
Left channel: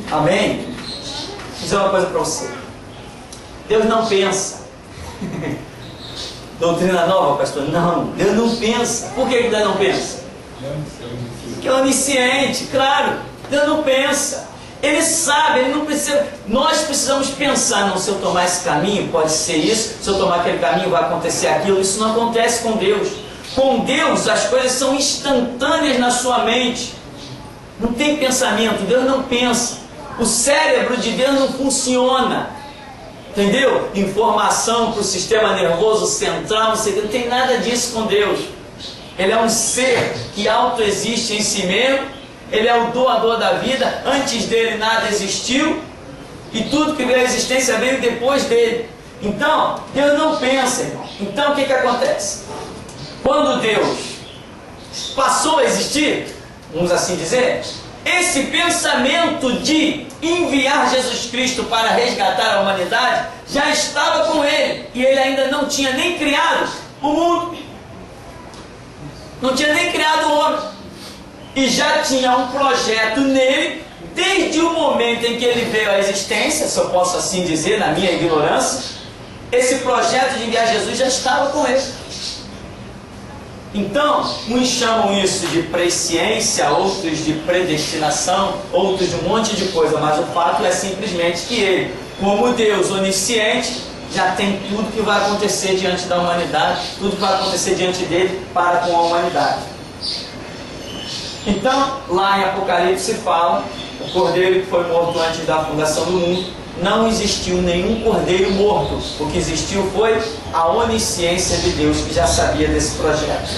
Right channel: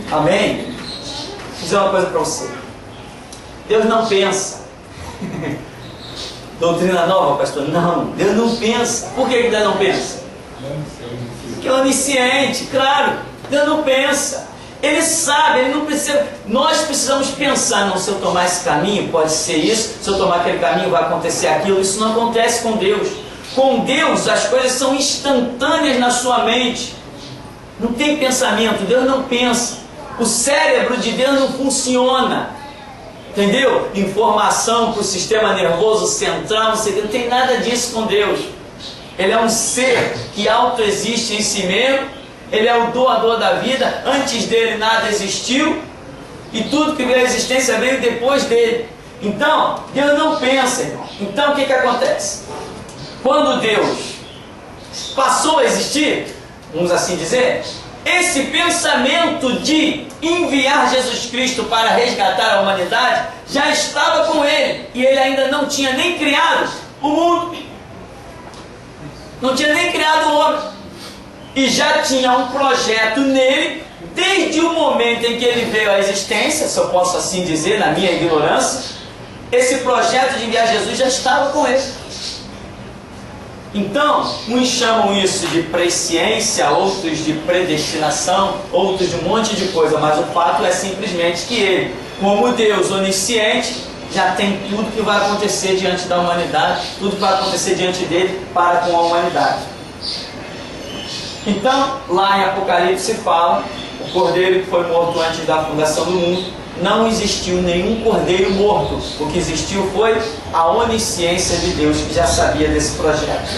Amém? Vou dizer uma coisa para você. Deus não pensa. Doutrina nova, pastor? Não, Deus não pensa. Por que Deus não pensa? Porque é onisciente, claro. Deus não pensa. Ele sabe, ele não precisa. Nós precisamos pensar, não, se eu tomar esse caminho, pode ser isso, se eu tomar aquele caminho, vai acontecer aquilo. Isso não acontece com Deus. Com Deus, as coisas são instantâneas na sua mente. Não tem pensamento, Deus não pensa. O cérebro de Deus não funciona. Entendeu? Informação para o sistema nervoso central, não tem nada disso com Deus. Ele é um ser que autoexiste em si mesmo. Ele é o doador da vida. Antes dele nada existiu. E tudo que veio à existência veio depois dele. Então, Deus não pensa, irmão. Então, o que acontece? Quando Deus passou a existir, vamos assim dizer, esse pensamento de enviar Jesus Cristo para resgatar a humanidade já estava com ele. E ele ainda não tinha nem criado o mundo. Não tinha nem criado o homem. E já tinha um projeto nele, desde o momento em que ele veio à existência, se eu posso assim dizer, na minha ignorância, esse projeto de enviar Jesus já estava com ele. Então, uns chamam isso de presciência, outros de predestinação, outros de um monte de coisa, mas o fato é simplesmente que ele, como Deus onisciente, já tem tudo que vai acontecer diante da humanidade, tudo que vai acontecer diante dele para com a humanidade. Então, lá em Apocalipse fala, o cordeiro que foi morto antes da fundação do mundo, não existiu nenhum cordeiro morto. O que existiu foi a onisciência de Deus, que já sabia desse projeto.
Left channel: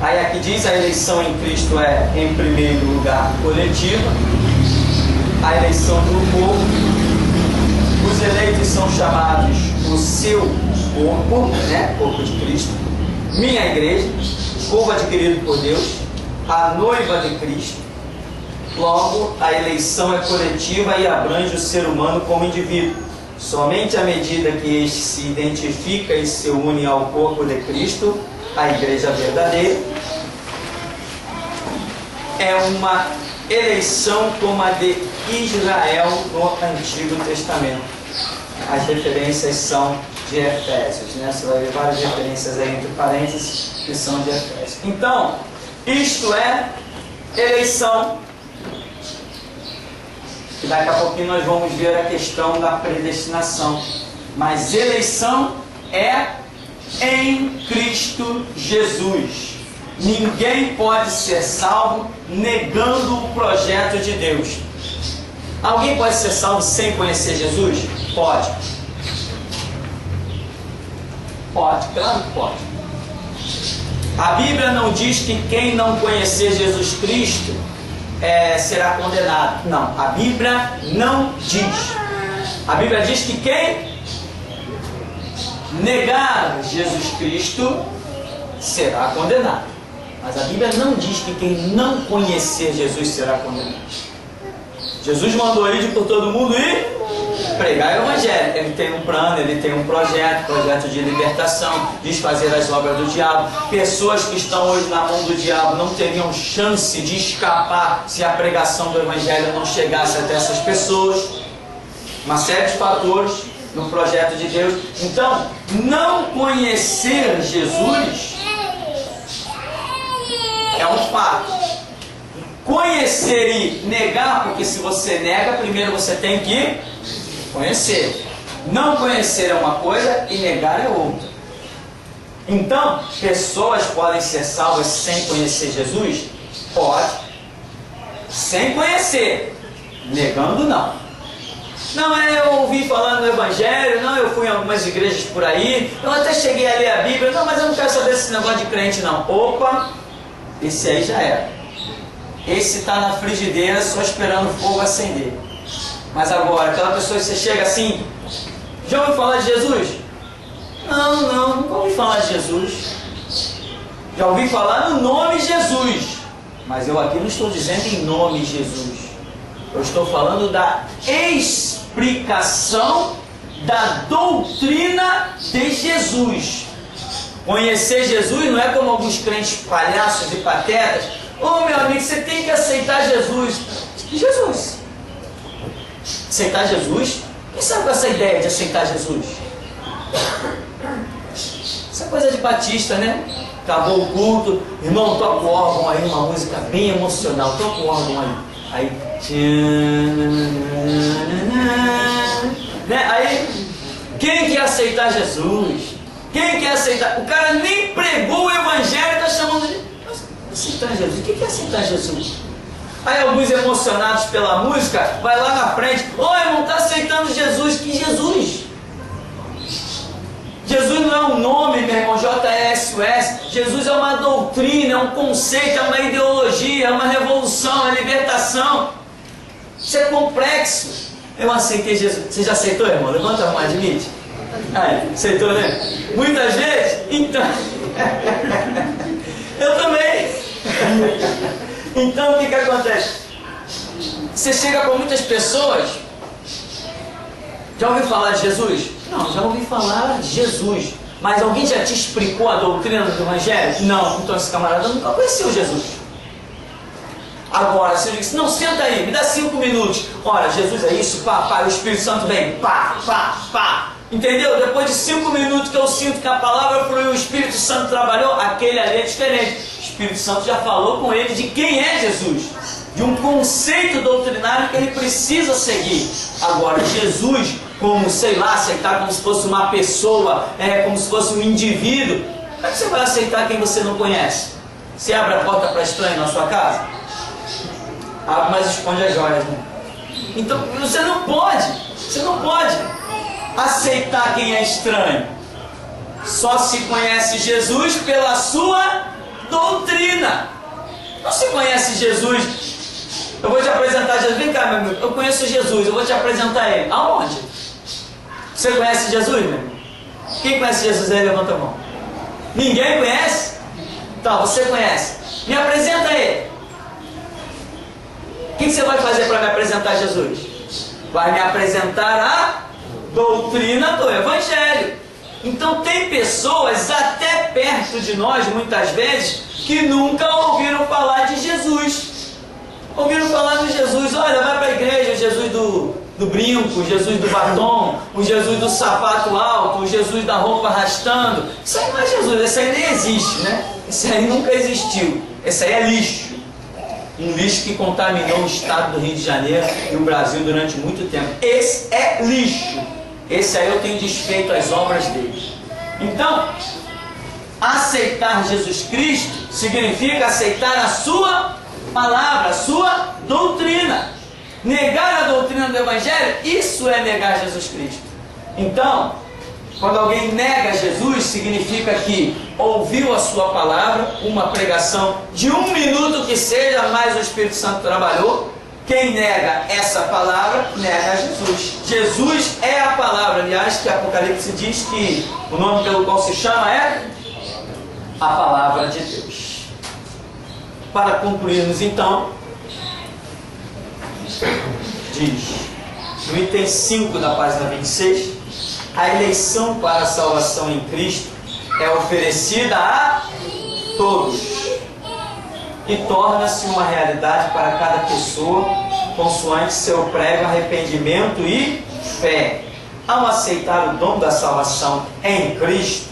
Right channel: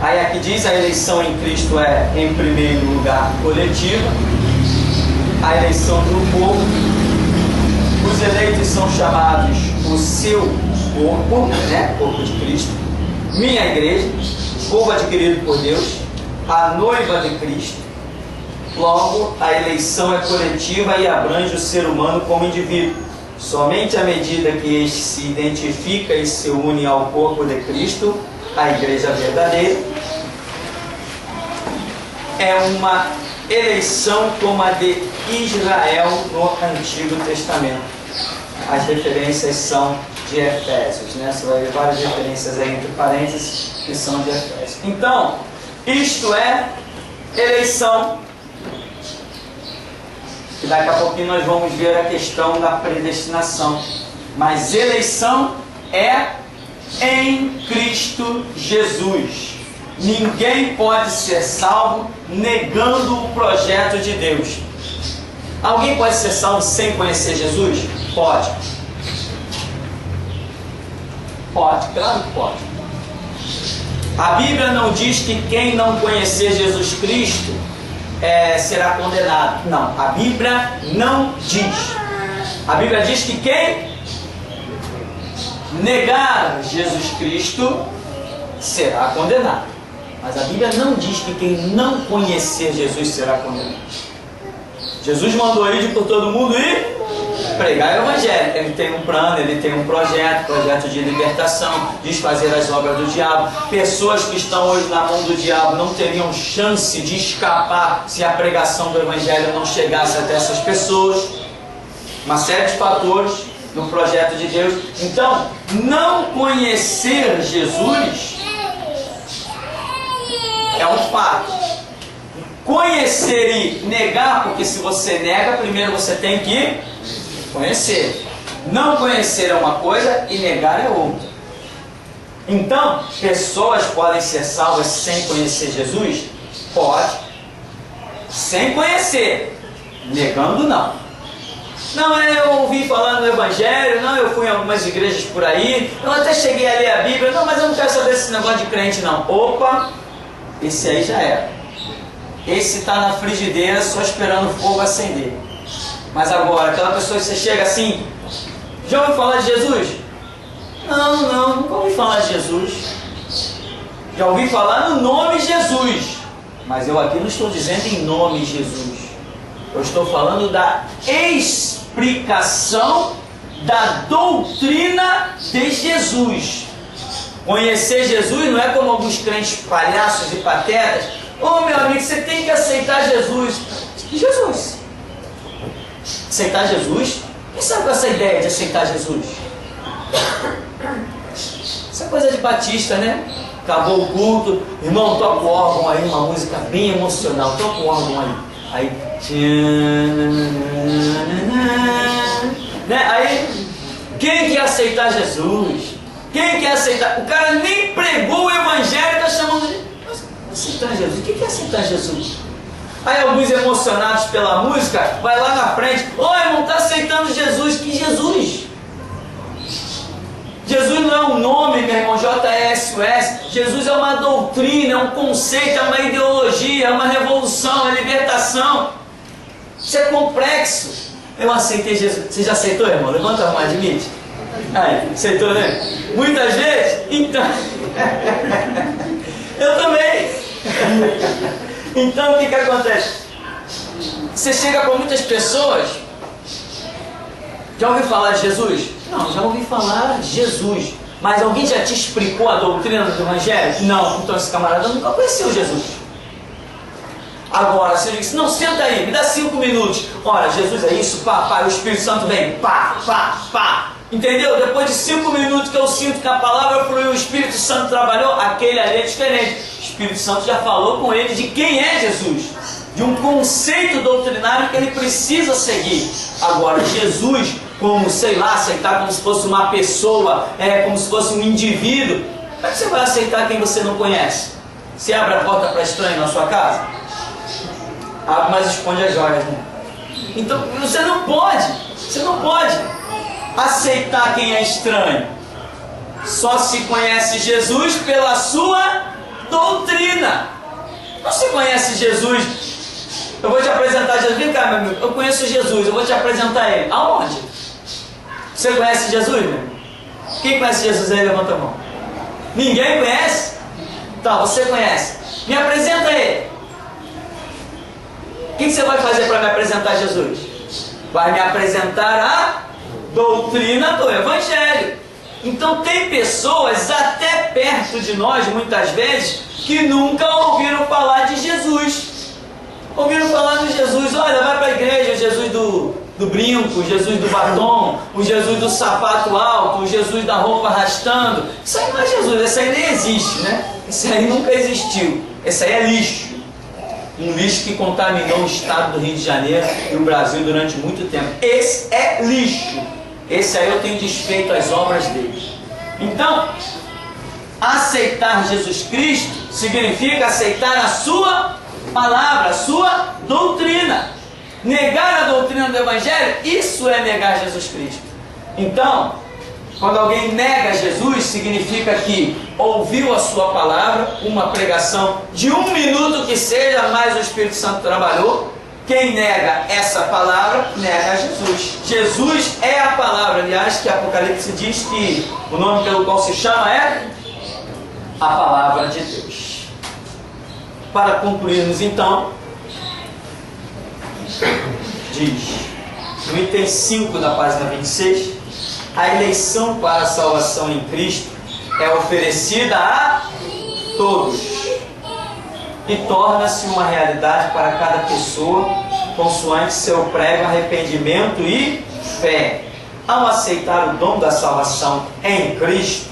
Aí aqui diz, a eleição em Cristo é, em primeiro lugar, coletiva. A eleição do povo. Os eleitos são chamados o seu corpo, né? Corpo de Cristo. Minha igreja, povo adquirido por Deus, a noiva de Cristo. Logo, a eleição é coletiva e abrange o ser humano como indivíduo. Somente à medida que este se identifica e se une ao corpo de Cristo, a igreja verdadeira, é uma eleição como a de Israel no Antigo Testamento. As referências são de Efésios, né? Você vai ver várias referências aí entre parênteses que são de Efésios. Então, isto é eleição. E daqui a pouquinho nós vamos ver a questão da predestinação. Mas eleição é em Cristo Jesus. Ninguém pode ser salvo negando o projeto de Deus. Alguém pode ser salvo sem conhecer Jesus? Pode. Pode, claro que pode. A Bíblia não diz que quem não conhecer Jesus Cristo será condenado. Não, a Bíblia não diz. A Bíblia diz que quem negar Jesus Cristo será condenado. Mas a Bíblia não diz que quem não conhecer Jesus será condenado. Jesus mandou ir por todo mundo e pregar o Evangelho. Ele tem um plano, ele tem um projeto de libertação, desfazer as obras do diabo. Pessoas que estão hoje na mão do diabo não teriam chance de escapar se a pregação do Evangelho não chegasse até essas pessoas. Uma série de fatores no projeto de Deus. Então, não conhecer Jesus é um fato. conhecer e negar, porque se você nega, primeiro você tem que conhecer. Não conhecer é uma coisa e negar é outra. Então, pessoas podem ser salvas sem conhecer Jesus? Pode. Sem conhecer. Negando, não. Não, eu ouvi falar no Evangelho, não, eu fui em algumas igrejas por aí, eu até cheguei a ler a Bíblia, não, mas eu não quero saber desse negócio de crente, não. Opa, esse aí já era. Esse está na frigideira só esperando o fogo acender. Mas agora, aquela pessoa que você chega assim, já ouviu falar de Jesus? Não, nunca ouvi falar de Jesus. Já ouvi falar no nome Jesus. Mas eu aqui não estou dizendo em nome Jesus. Eu estou falando da explicação da doutrina de Jesus. Conhecer Jesus não é como alguns crentes palhaços e patetas. Ô meu amigo, você tem que aceitar Jesus. Jesus. Aceitar Jesus? Quem sabe com essa ideia de aceitar Jesus? Isso é coisa de batista, né? Acabou o culto, irmão, toca o órgão aí, uma música bem emocional, toca o órgão aí. Né? Aí, quem quer aceitar Jesus? Quem quer aceitar? O cara nem pregou o Evangelho, está chamando de aceitar Jesus. O que é aceitar Jesus? Aí alguns emocionados pela música, vai lá na frente, ô irmão, está aceitando Jesus? Que Jesus? Jesus não é um nome, meu irmão, J-E-S-U-S. Jesus é uma doutrina, é um conceito, é uma ideologia, é uma revolução, é libertação. Isso é complexo. Eu aceitei Jesus. Você já aceitou, irmão? Levanta a mão, admite. Aí, aceitou, né? Muitas vezes? Então. Eu também. Então, o que acontece? Você chega com muitas pessoas. Já ouviu falar de Jesus? Não, já ouvi falar de Jesus. Mas alguém já te explicou a doutrina do Evangelho? Não, então esse camarada nunca conheceu Jesus. Agora, se eu digo, não, senta aí, me dá 5 minutos. Olha, Jesus é isso, pá, o Espírito Santo vem, pá. Entendeu? Depois de 5 minutos que eu sinto que a palavra fluiu, o Espírito Santo trabalhou, aquele ali é diferente. O Espírito Santo já falou com ele de quem é Jesus. De um conceito doutrinário que ele precisa seguir. Agora, Jesus, como, sei lá, aceitar como se fosse uma pessoa, como se fosse um indivíduo, como é que você vai aceitar quem você não conhece? Você abre a porta para estranho na sua casa? Abre, mas esconde as joias, né? Então, você não pode aceitar quem é estranho. Só se conhece Jesus pela sua doutrina. Não se conhece Jesus. Eu vou te apresentar Jesus. Vem cá, meu amigo. Eu conheço Jesus. Eu vou te apresentar ele. Aonde? Você conhece Jesus, meu amigo? Quem conhece Jesus aí? Levanta a mão. Ninguém conhece? Tá, você conhece. Me apresenta ele. O que você vai fazer para me apresentar Jesus? Vai me apresentar a doutrina do Evangelho. Então tem pessoas até perto de nós, muitas vezes, que nunca ouviram falar de Jesus. Ouviram falar de Jesus, olha, vai para a igreja, o Jesus do brinco, o Jesus do batom, o Jesus do sapato alto, o Jesus da roupa arrastando. Isso aí não é Jesus, esse aí nem existe, né? Esse aí nunca existiu. Esse aí é lixo. Um lixo que contaminou o estado do Rio de Janeiro e o Brasil durante muito tempo. Esse é lixo. Esse aí eu tenho desfeito as obras dele. Então, aceitar Jesus Cristo significa aceitar a sua palavra, a sua doutrina. Negar a doutrina do Evangelho, isso é negar Jesus Cristo. Então, quando alguém nega Jesus, significa que ouviu a sua palavra, uma pregação de 1 minuto que seja, mas o Espírito Santo trabalhou. Quem nega essa palavra, nega a Jesus. Jesus é a palavra, aliás, que Apocalipse diz que o nome pelo qual se chama é a palavra de Deus. Para concluirmos então, diz, no item 5 da página 26, a eleição para a salvação em Cristo é oferecida a todos e torna-se uma realidade para cada pessoa, consoante seu prévio arrependimento e fé. Ao aceitar o dom da salvação em Cristo,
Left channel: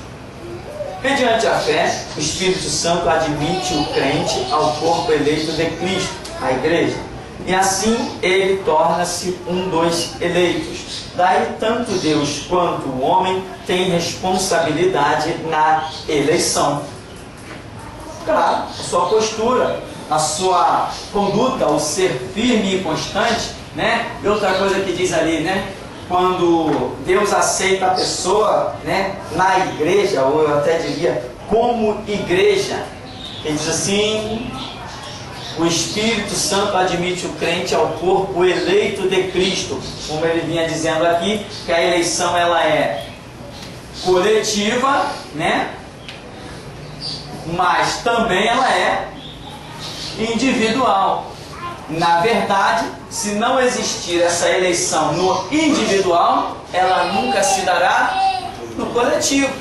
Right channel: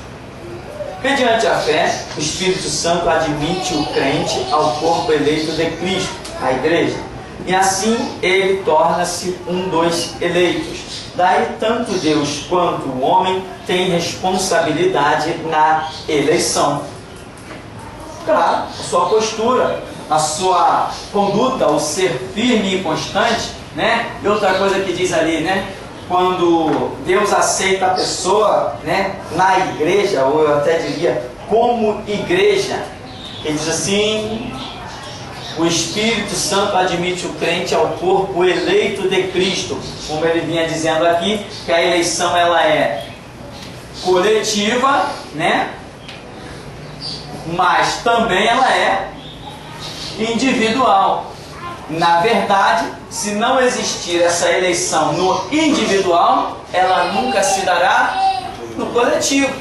mediante a fé, o Espírito Santo admite o crente ao corpo eleito de Cristo, a igreja. E assim ele torna-se um dos eleitos. Daí tanto Deus quanto o homem têm responsabilidade na eleição. Claro, a sua postura, a sua conduta, o ser firme e constante, né? E outra coisa que diz ali, né? Quando Deus aceita a pessoa, né, na igreja, ou eu até diria como igreja, ele diz assim: o Espírito Santo admite o crente ao corpo eleito de Cristo. Como ele vinha dizendo aqui, que a eleição ela é coletiva, né? Mas também ela é individual. Na verdade, se não existir essa eleição no individual, ela nunca se dará no coletivo.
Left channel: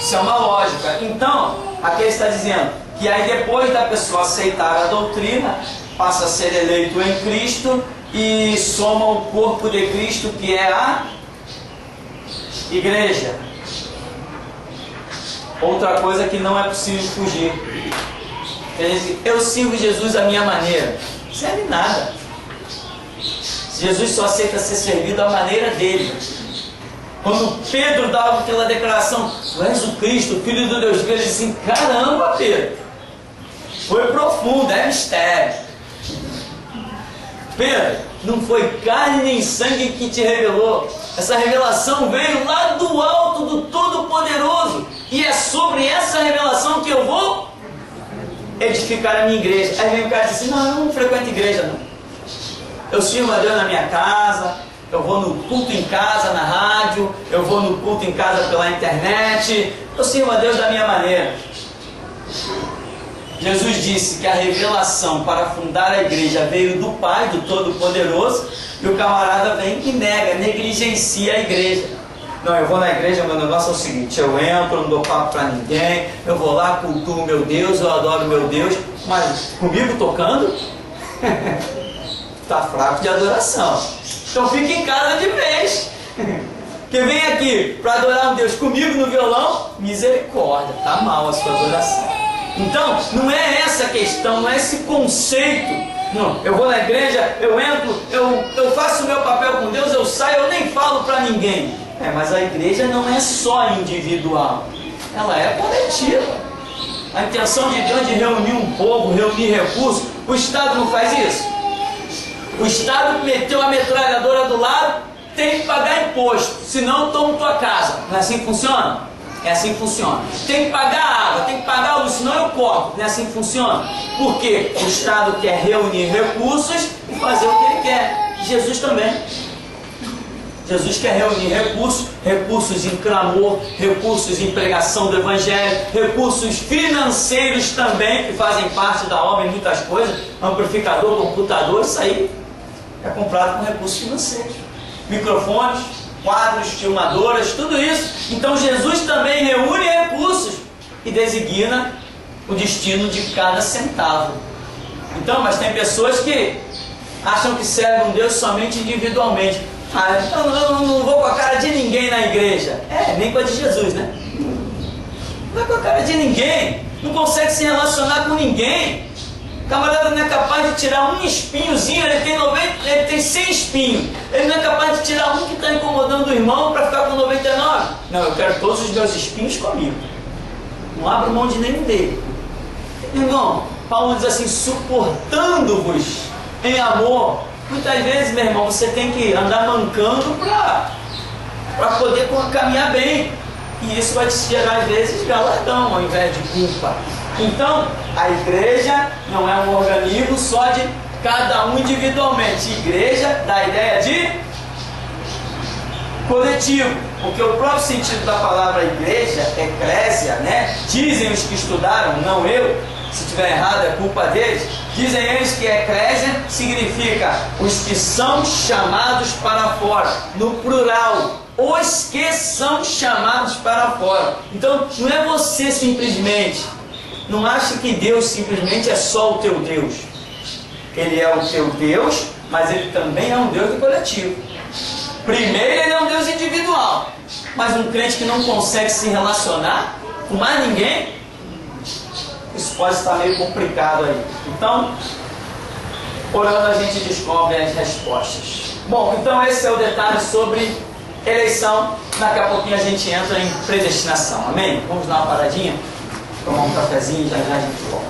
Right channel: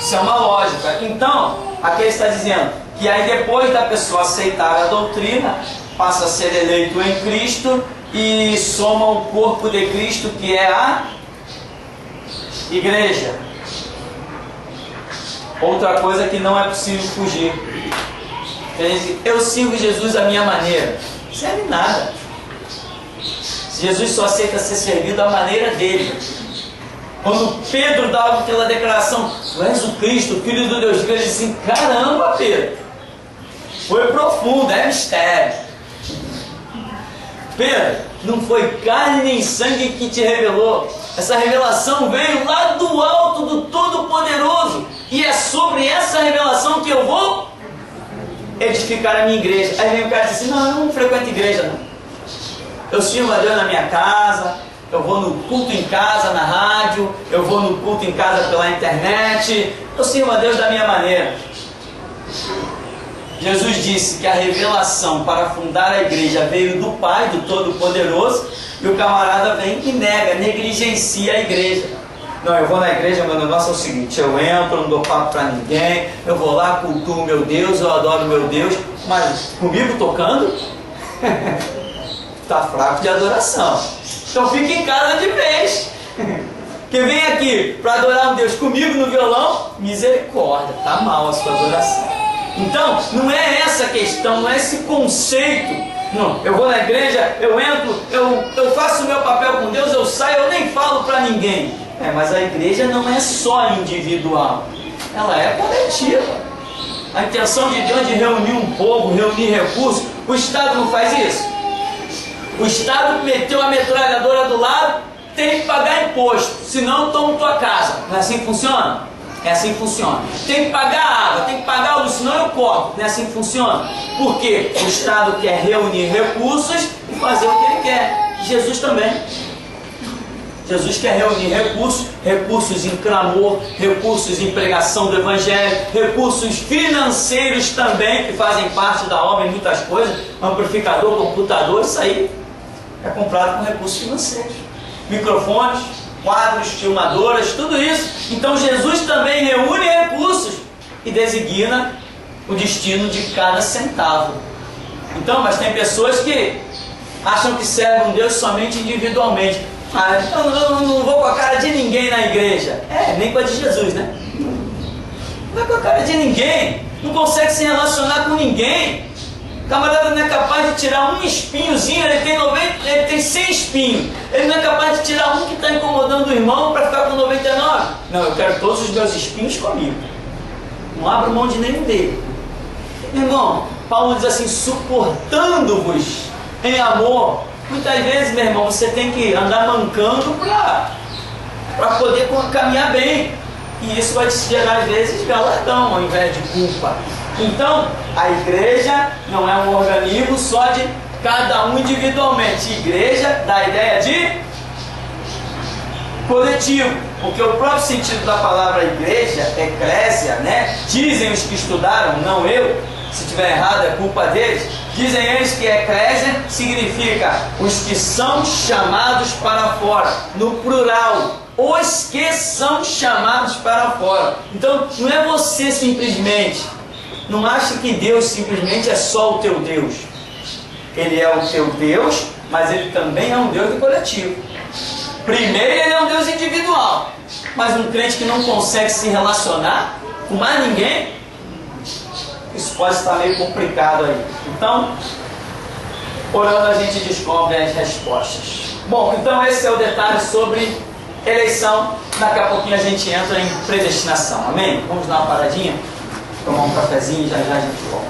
Isso é uma lógica. Então, aqui ele está dizendo que aí depois da pessoa aceitar a doutrina, passa a ser eleito em Cristo e soma o corpo de Cristo, que é a igreja. Outra coisa que não é possível fugir. Eu sirvo Jesus à minha maneira. Não serve nada. Jesus só aceita ser servido à maneira dele. Quando Pedro dava aquela declaração: tu és o Cristo, o Filho do Deus vivo, ele disse assim: caramba, Pedro, foi profundo, é mistério. Pedro, não foi carne nem sangue que te revelou. Essa revelação veio lá do alto do Todo-Poderoso. E é sobre essa revelação que eu vou edificar a minha igreja. Aí vem o cara e diz assim: não, eu não frequento igreja não. Eu sirvo a Deus na minha casa, eu vou no culto em casa, na rádio, eu vou no culto em casa pela internet, eu sirvo a Deus da minha maneira. Jesus disse que a revelação para fundar a igreja veio do Pai, do Todo-Poderoso, e o camarada vem e nega, negligencia a igreja. Não, eu vou na igreja, meu negócio é o seguinte: eu entro, não dou papo para ninguém, eu vou lá, cultuo meu Deus, eu adoro meu Deus, mas comigo tocando, está fraco de adoração. Então fica em casa de vez. Quem vem aqui para adorar um Deus comigo no violão, misericórdia, está mal a sua adoração. Então, não é essa a questão, não é esse conceito. Não, eu vou na igreja, eu entro, eu faço o meu papel com Deus, eu saio, eu nem falo para ninguém. Mas a igreja não é só individual, ela é coletiva. A intenção de Deus de reunir um povo, reunir recursos, o Estado não faz isso. O Estado meteu a metralhadora do lado, tem que pagar imposto, senão eu tomo tua casa. Não é assim que funciona? É assim que funciona. Tem que pagar água, tem que pagar luz, senão eu corto. Não é assim que funciona? Porque o Estado quer reunir recursos e fazer o que ele quer. Jesus também. Jesus quer reunir recursos, recursos em clamor, recursos em pregação do Evangelho, recursos financeiros também, que fazem parte da obra em muitas coisas, amplificador, computador, isso aí é comprado com recursos financeiros. Microfones, quadros, filmadoras, tudo isso. Então Jesus também reúne recursos e designa o destino de cada centavo. Então, mas tem pessoas que acham que servem um Deus somente individualmente. Eu não vou com a cara de ninguém na igreja. Nem com a de Jesus, né? Não vai com a cara de ninguém. Não consegue se relacionar com ninguém. O camarada não é capaz de tirar um espinhozinho, ele tem 100 espinhos. Ele não é capaz de tirar um que está incomodando o irmão para ficar com 99. Não, eu quero todos os meus espinhos comigo. Não abro mão de nenhum dele. Irmão, Paulo diz assim: suportando-vos em amor. Muitas vezes, meu irmão, você tem que andar mancando para poder caminhar bem. E isso vai te gerar, às vezes, galardão ao invés de culpa. Então, a igreja não é um organismo só de cada um individualmente. Igreja dá a ideia de coletivo. Porque o próprio sentido da palavra igreja, eclésia, né? Dizem os que estudaram, não eu. Se estiver errado é culpa deles. Dizem eles que eclésia significa os que são chamados para fora, no plural, os que são chamados para fora. Então não é você simplesmente, não acha que Deus simplesmente é só o teu Deus. Ele é o teu Deus, mas ele também é um Deus do coletivo. Primeiro ele é um Deus individual, mas um crente que não consegue se relacionar com mais ninguém, isso pode estar meio complicado aí. Então, Orando a gente descobre as respostas. Bom, então esse é o detalhe sobre eleição. Daqui a pouquinho a gente entra em predestinação. Amém? Vamos dar uma paradinha, tomar um cafezinho e já já a gente volta.